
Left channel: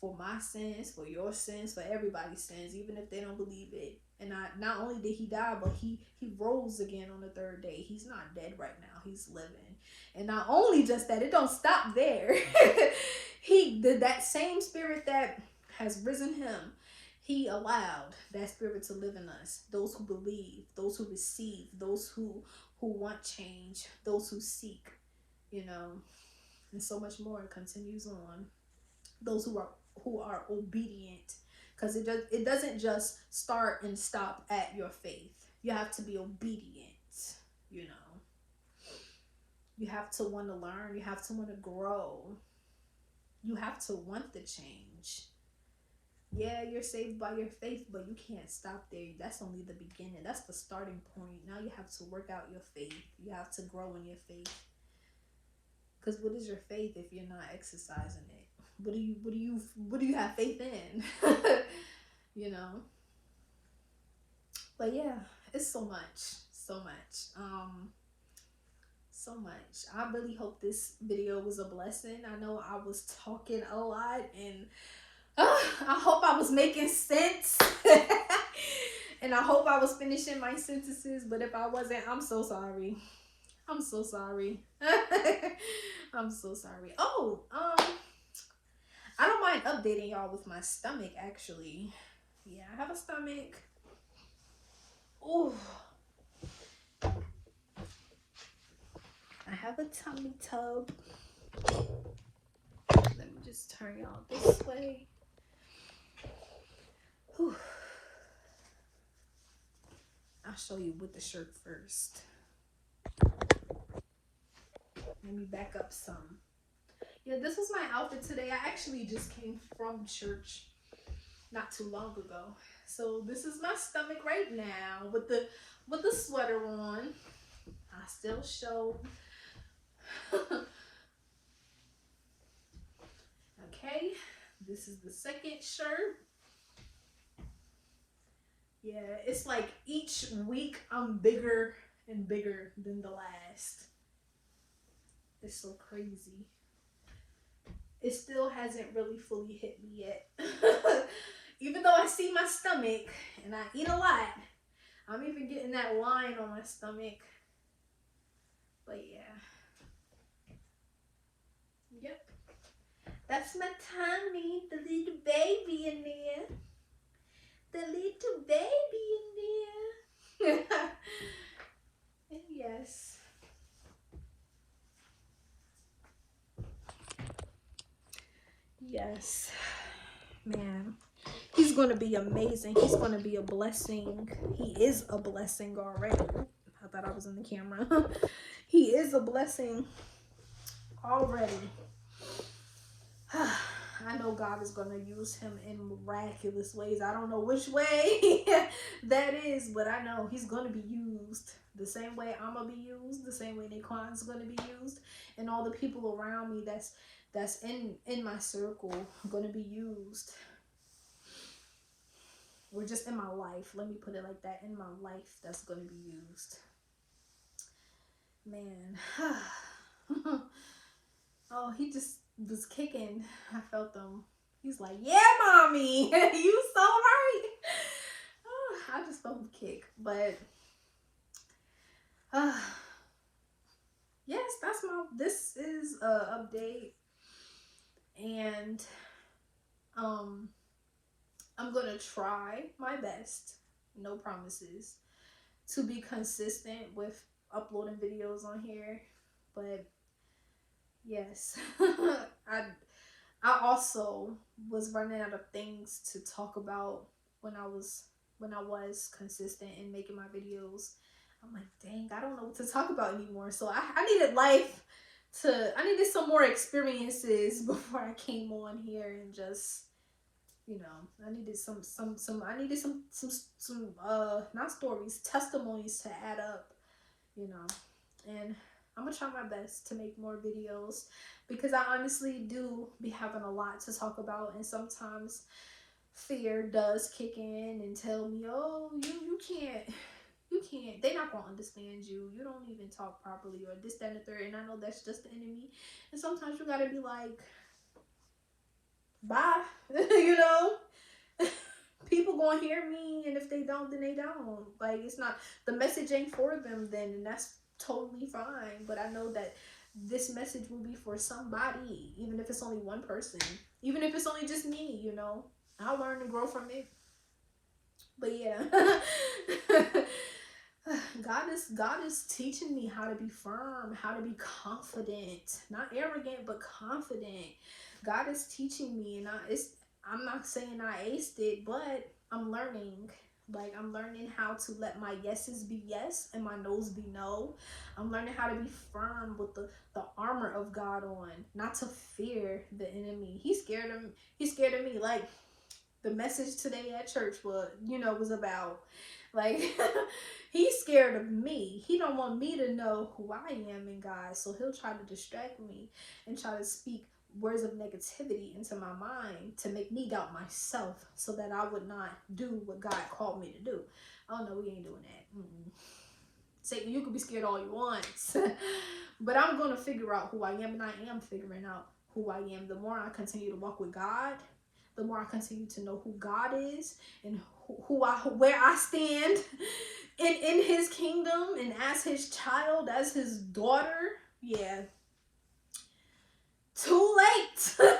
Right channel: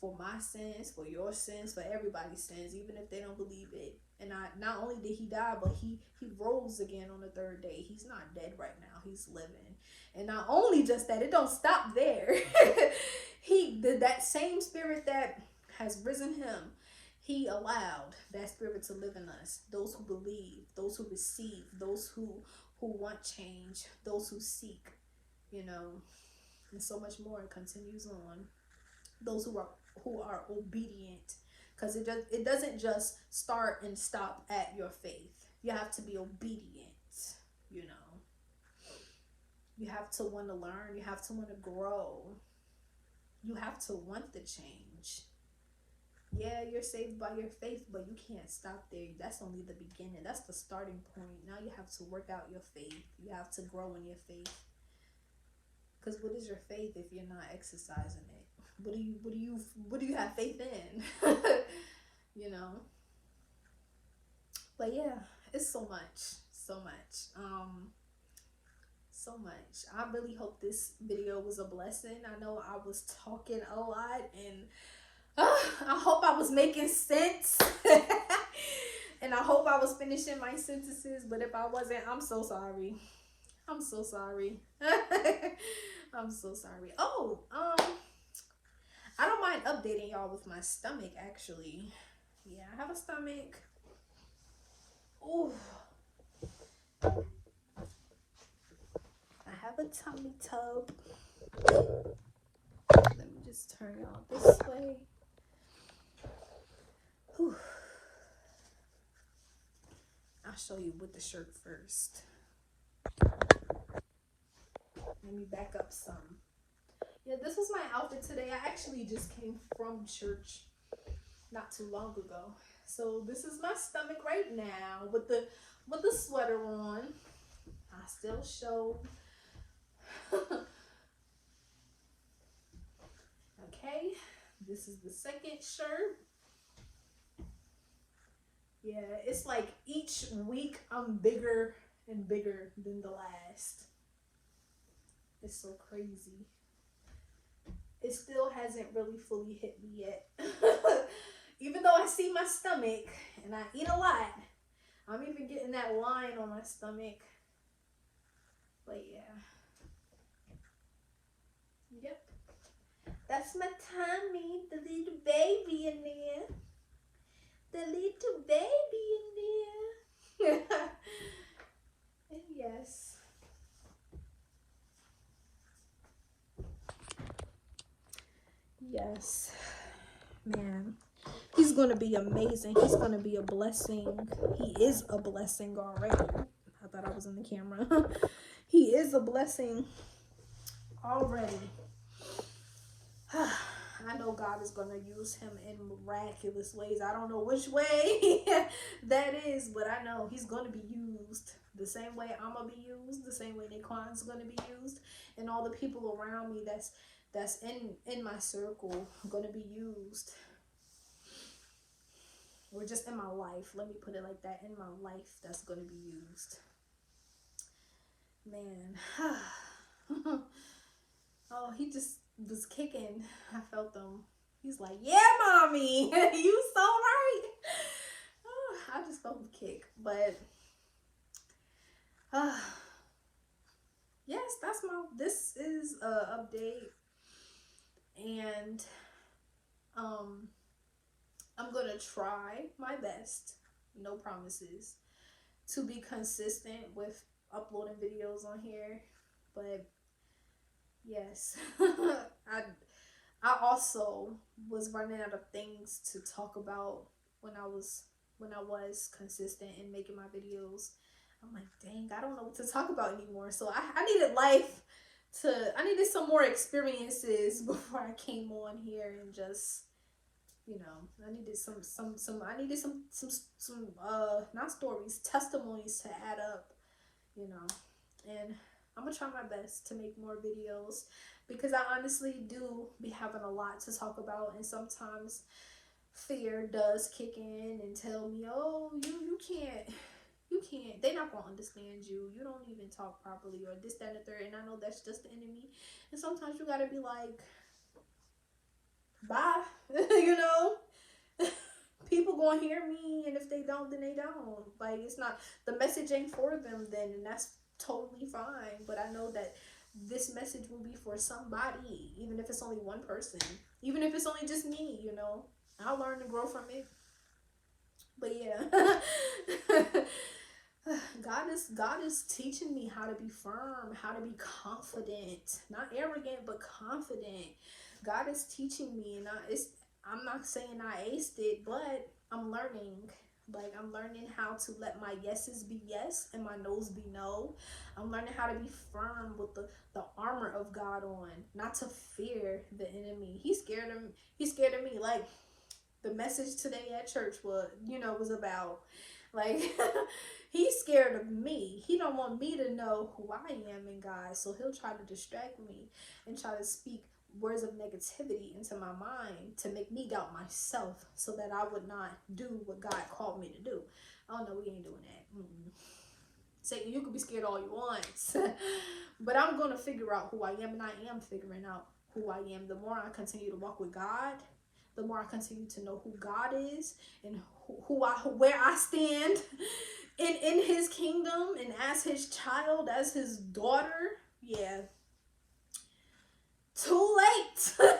for my sins, for your sins, for everybody's sins, even if they don't believe it. And not only did he die, but he rose again on the third day. He's not dead right now. He's living. And not only just that, it don't stop there. That same spirit that has risen him, he allowed that spirit to live in us. Those who believe, those who receive, those who want change, those who seek, you know, and so much more. It continues on. Those who are obedient, because it doesn't just start and stop at your faith. You have to be obedient. You know, you have to want to learn. You have to want to grow. You have to want the change. Yeah, you're saved by your faith, but you can't stop there. That's only the beginning. That's the starting point. Now you have to work out your faith. You have to grow in your faith. Because what is your faith if you're not exercising it? What do you have faith in? You know. But yeah, it's so much. So much. I really hope this video was a blessing. I know I was talking a lot, and I hope I was making sense. And I hope I was finishing my sentences, but if I wasn't, I'm so sorry. I'm so sorry. I'm so sorry. Oh, I don't mind updating y'all with my stomach, actually. Yeah, I have a stomach. Oh, I have a tummy tub. Let me just turn y'all this way. Whew. I'll show you with the shirt first. Let me back up some. Yeah, this was my outfit today. I actually just came from church not too long ago. So this is my stomach right now with the sweater on. I still show. Okay, this is the second shirt. Yeah, it's like each week I'm bigger and bigger than the last. It's so crazy. It still hasn't really fully hit me yet. Even though I see my stomach and I eat a lot, I'm even getting that line on my stomach. But yeah. Yep. That's my tummy, the little baby in there. The little baby in there. And yes. Yes. Man. He's going to be amazing. He's going to be a blessing. He is a blessing already. I thought I was in the camera. He is a blessing already. I know God is going to use him in miraculous ways. I don't know which way that is, but I know he's going to be used the same way I'm going to be used, the same way Naquan's going to be used, and all the people around me that's in my circle going to be used. Or just in my life. Let me put it like that. In my life, that's going to be used. Man. Oh, he just was kicking. I felt him. He's like, yeah, mommy. You so right. I just felt him kick. But, yes, this is a update. And, I'm going to try my best, no promises, to be consistent with uploading videos on here. But yes, I also was running out of things to talk about when I was consistent in making my videos. I'm like, dang, I don't know what to talk about anymore. So I needed life I needed some more experiences before I came on here and just, you know, I needed some not stories, testimonies to add up, you know. And I'm gonna try my best to make more videos, because I honestly do be having a lot to talk about, and sometimes fear does kick in and tell me, oh, you can't, they're not gonna understand you, you don't even talk properly, or this, that, and the third. And I know that's just the enemy, and sometimes you gotta be like, bye. You know. People gonna hear me, and if they don't, then they don't. Like, it's not, the message ain't for them then, and that's totally fine. But I know that this message will be for somebody, even if it's only one person, even if it's only just me, you know. I'll learn to grow from it. But yeah. God is teaching me how to be firm, how to be confident, not arrogant, but confident. God is teaching me, and I'm not saying I aced it, but I'm learning. Like, I'm learning how to let my yeses be yes and my no's be no. I'm learning how to be firm with the armor of God on, not to fear the enemy. He's scared of me. Like, the message today at church was about, like, he's scared of me. He don't want me to know who I am in God. So he'll try to distract me and try to speak words of negativity into my mind to make me doubt myself, so that I would not do what God called me to do. Oh no, we ain't doing that. Satan, you can be scared all you want. But I'm going to figure out who I am, and I am figuring out who I am. The more I continue to walk with God, the more I continue to know who God is, and where I stand in his kingdom, and as his child, as his daughter. Yeah. Too late.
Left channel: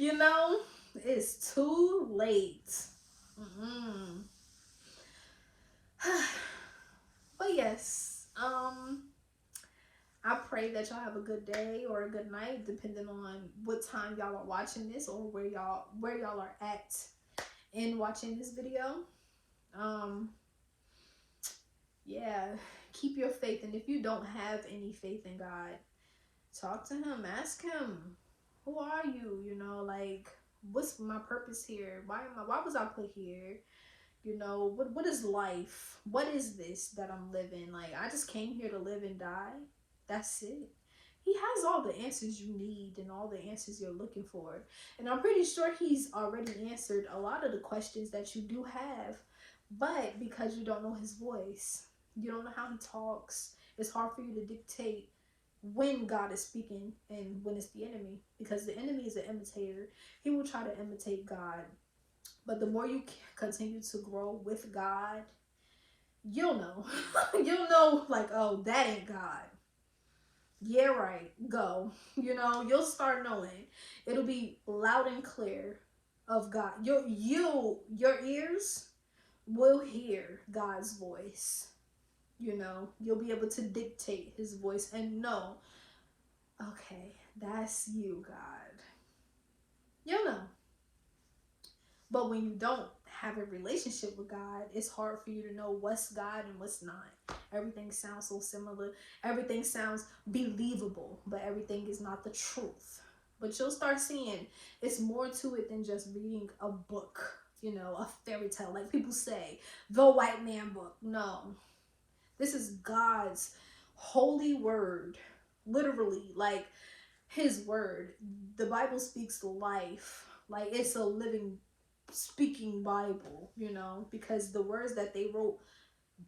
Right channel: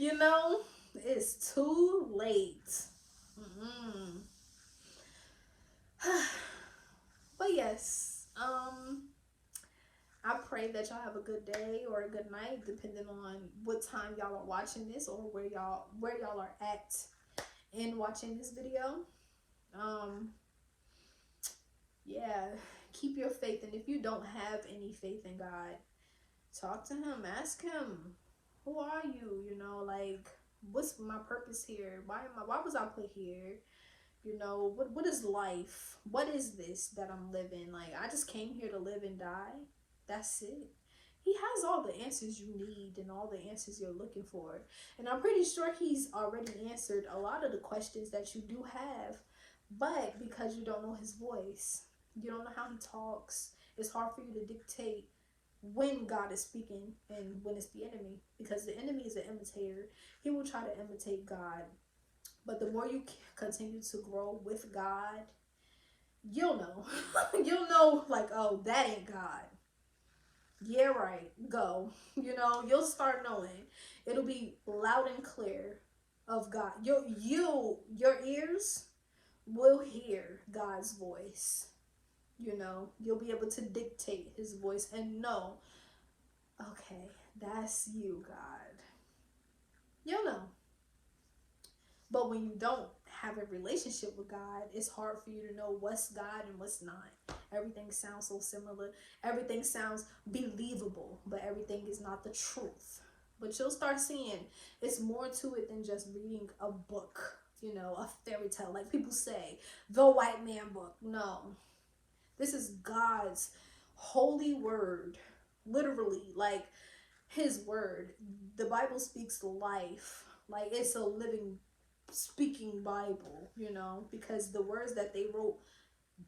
You know, it's too late. But yes, I pray that y'all have a good day or a good night, depending on what time y'all are watching this, or where y'all are at in watching this video. Yeah, keep your faith, and if you don't have any faith in God, talk to him, ask him, who are you? You know, like, what's my purpose here? Why was I put here? You know, what is life? What is this that I'm living? Like, I just came here to live and die. That's it. He has all the answers you need and all the answers you're looking for. And I'm pretty sure he's already answered a lot of the questions that you do have. But because you don't know his voice, you don't know how he talks, it's hard for you to dictate when God is speaking and when it's the enemy, because the enemy is an imitator. He will try to imitate God. But the more you continue to grow with God, you'll know. You'll know, like, oh, that ain't God. Yeah, right. Go. You know, you'll start knowing. It'll be loud and clear of God. Your ears will hear God's voice. You know, you'll be able to dictate his voice and know, okay, that's you, God. You'll know. But when you don't have a relationship with God, it's hard for you to know what's God and what's not. Everything sounds so similar. Everything sounds believable, but everything is not the truth. But you'll start seeing it's more to it than just reading a book, you know, a fairy tale. Like people say, the white man book. No. This is God's holy word, literally, like his word. The Bible speaks life, like it's a living, speaking Bible, you know, because the words that they wrote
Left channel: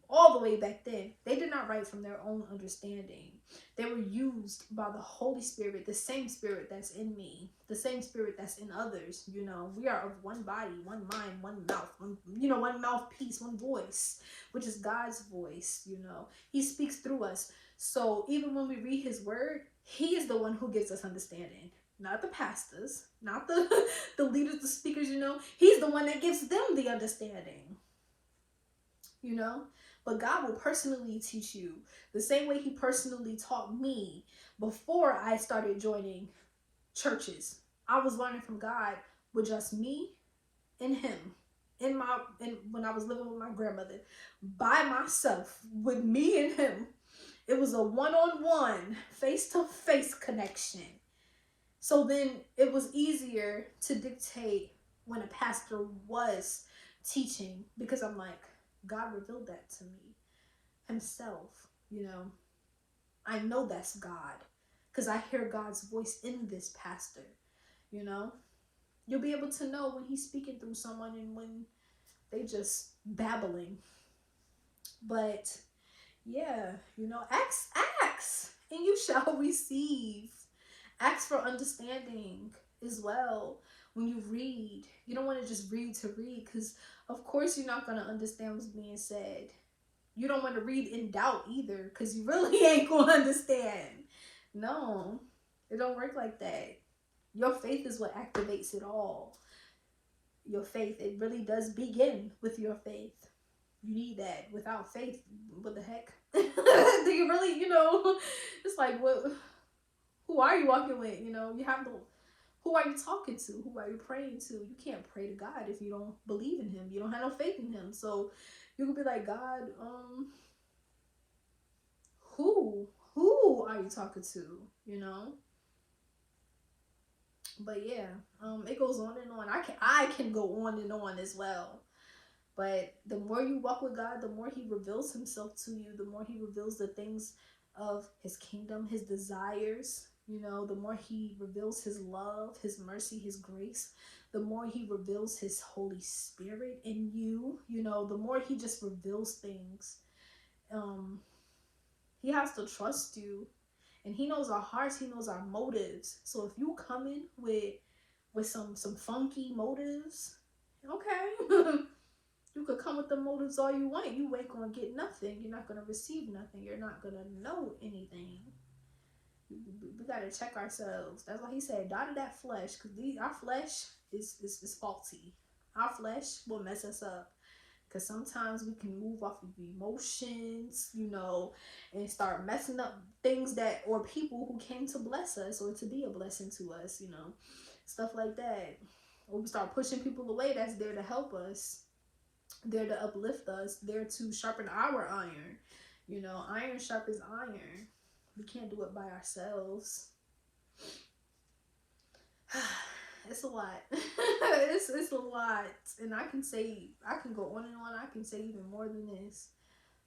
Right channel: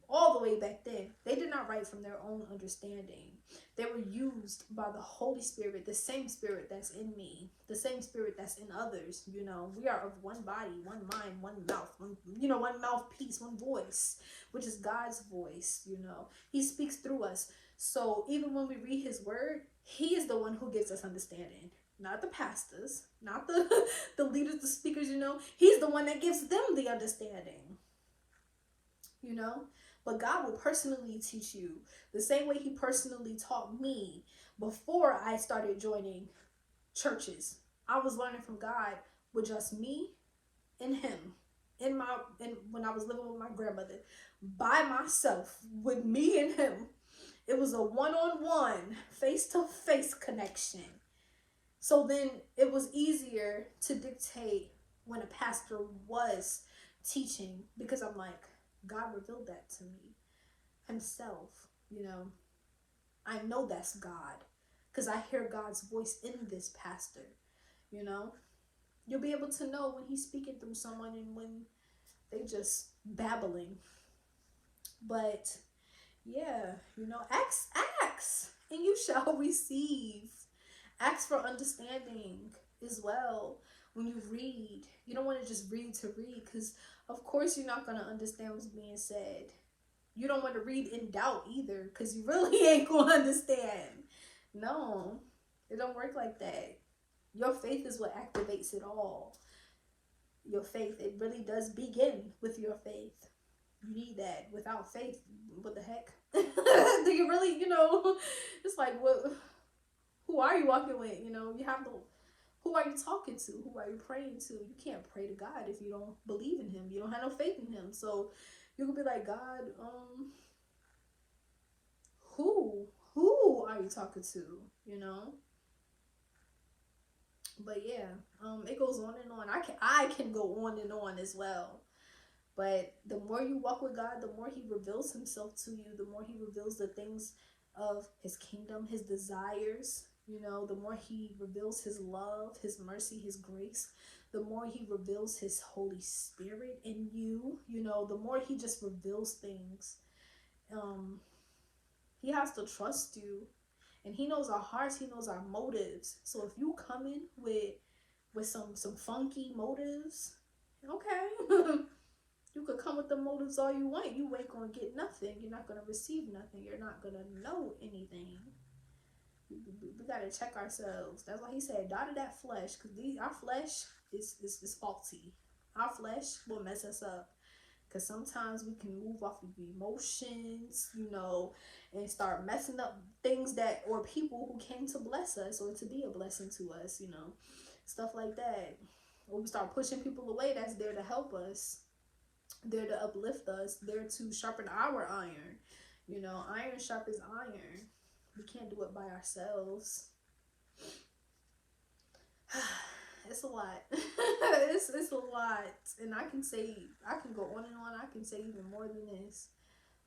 all the way back then, they did not write from their own understanding. They were used by the Holy Spirit, the same Spirit that's in me, the same Spirit that's in others. You know, we are of one body, one mind, one mouth, one mouthpiece, one voice, which is God's voice. You know, he speaks through us. So even when we read his word, he is the one who gives us understanding, not the pastors, not the leaders, the speakers. You know, he's the one that gives them the understanding. You know, but God will personally teach you the same way he personally taught me before I started joining churches. I was learning from God with just me and him and when I was living with my grandmother by myself, with me and him. It was a one-on-one, face-to-face connection. So then it was easier to dictate when a pastor was teaching, because I'm like, God revealed that to me himself, you know. I know that's God because I hear God's voice in this pastor, you know. You'll be able to know when he's speaking through someone and when they just babbling. But yeah, you know, ask, and you shall receive. Ask for understanding as well when you read. You don't want to just read to read, because of course you're not going to understand what's being said. You don't want to read in doubt either, because you really ain't going to understand. No, it don't work like that. Your faith is what activates it all. Your faith, it really does begin with your faith. You need that. Without faith, what the heck? Do you really, you know, it's like, what? Who are you walking with? You know, you have to, who are you talking to? Who are you praying to? You can't pray to God if you don't believe in him. You don't have no faith in him. So you could be like, God, who are you talking to? You know? But yeah, it goes on and on. I can go on and on as well. But the more you walk with God, the more he reveals himself to you, the more he reveals the things of his kingdom, his desires, you know, the more he reveals his love, his mercy, his grace, the more he reveals his Holy Spirit in you, you know, the more he just reveals things. He has to trust you, and he knows our hearts, he knows our motives. So if you come in with some funky motives, okay. You could come with the motives all you want. You ain't going to get nothing. You're not going to receive nothing. You're not going to know anything. We got to check ourselves. That's why he said, die to that flesh. Because our flesh is faulty. Our flesh will mess us up. Because sometimes we can move off of emotions, you know, and start messing up things that, or people who came to bless us or to be a blessing to us, you know. Stuff like that. When we start pushing people away that's there to help us, there to uplift us, there to sharpen our iron. You know, iron sharpens iron. We can't do it by ourselves. It's a lot. it's a lot. And I can go on and on. I can say even more than this.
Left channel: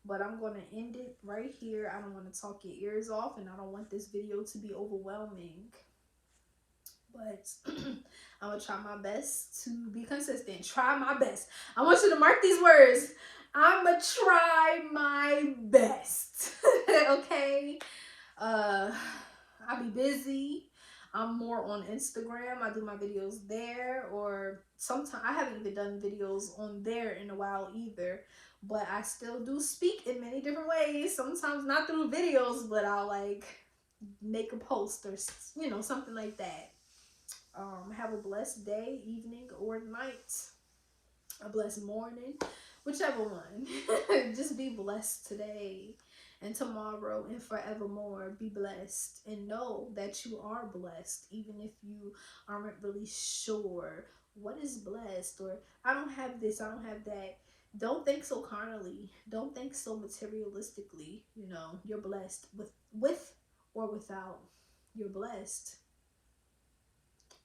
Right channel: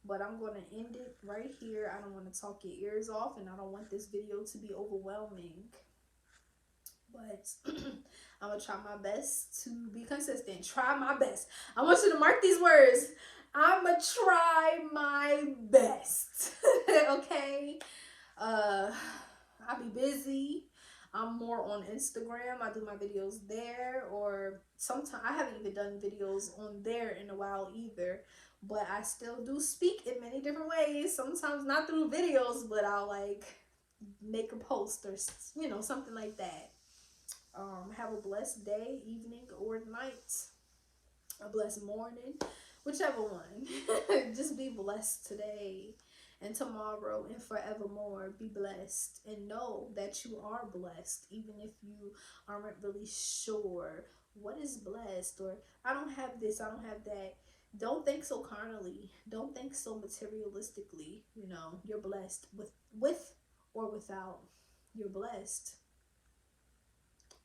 But I'm going to end it right here. I don't want to talk your ears off, and I don't want this video to be overwhelming. But I'm going to try my best to be consistent. Try my best. I want you to mark these words. I'm going to try my best. Okay? I'll be busy. I'm more on Instagram. I do my videos there. Or sometimes I haven't even done videos on there in a while either. But I still do speak in many different ways. Sometimes not through videos, but I'll like make a post or, you know, something like that. Have a blessed day, evening, or night. A blessed morning, whichever one. Just be blessed today and tomorrow and forevermore. Be blessed and know that you are blessed, even if you aren't really sure what is blessed, or I don't have this, I don't have that. Don't think so carnally. Don't think so materialistically. You know, you're blessed with or without. You're blessed.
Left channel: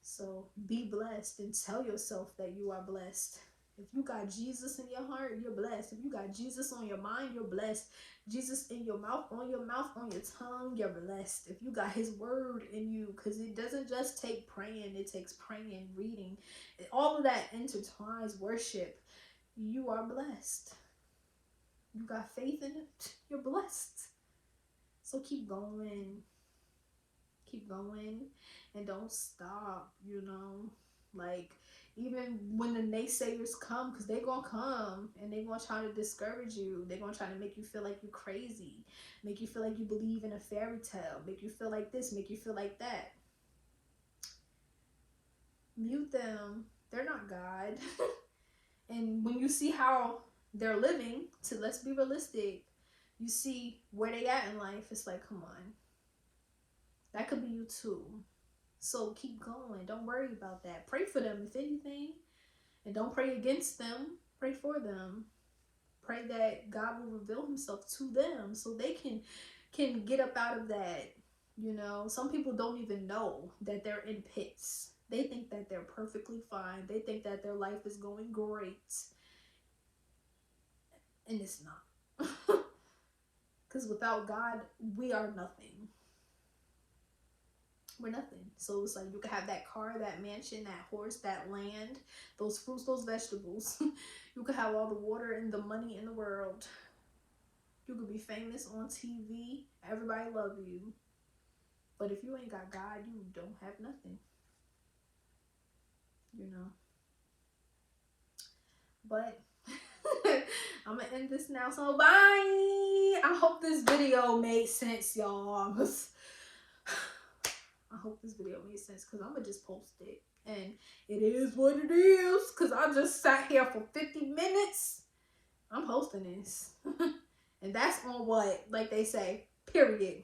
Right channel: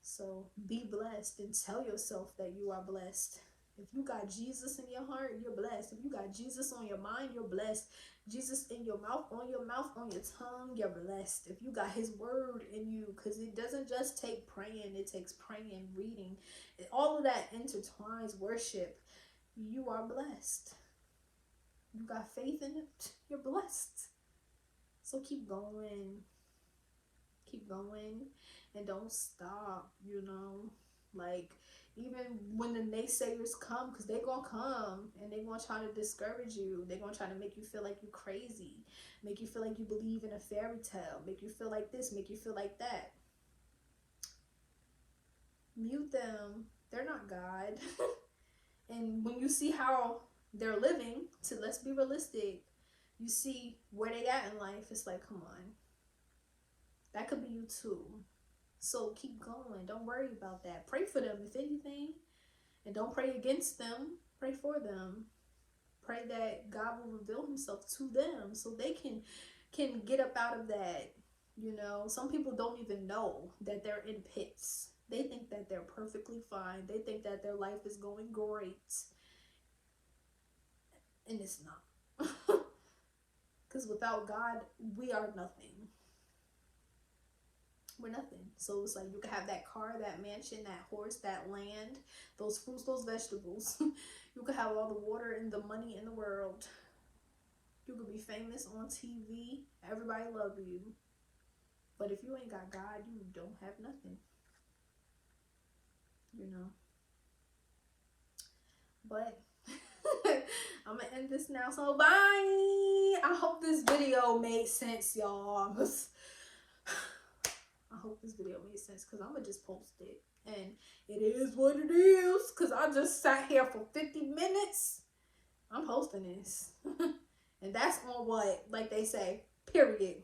So be blessed and tell yourself that you are blessed. If you got Jesus in your heart, you're blessed. If you got Jesus on your mind, you're blessed. Jesus in your mouth, on your tongue, you're blessed. If you got his word in you, because it doesn't just take praying, it takes praying, reading. All of that intertwines worship. You are blessed. You got faith in it, you're blessed. So keep going. Keep going. And don't stop, you know, like, even when the naysayers come, because they're going to come, and they're going to try to discourage you. They're going to try to make you feel like you're crazy, make you feel like you believe in a fairy tale, make you feel like this, make you feel like that. Mute them. They're not God. And when you see how they're living, let's be realistic, you see where they at in life, it's like, come on. That could be you too. So keep going. Don't worry about that. Pray for them, if anything. And don't pray against them. Pray for them. Pray that God will reveal himself to them so they can can get up out of that. You know, some people don't even know that they're in pits. They think that they're perfectly fine. They think that their life is going great. And it's not. Because without God, we are nothing. We're nothing. So it's like you can have that car, that mansion, that horse, that land, those fruits, those vegetables. You could have all the water and the money in the world. You could be famous on TV. Everybody love you. But if you ain't got God, you don't have nothing. You know. But I'm gonna end this now. So bye. I hope this video made sense, y'all. I hope this video made sense because I'm gonna just post it. And it is what it is. Because I just sat here for 50 minutes. I'm hosting this. And that's on what? Like they say, period.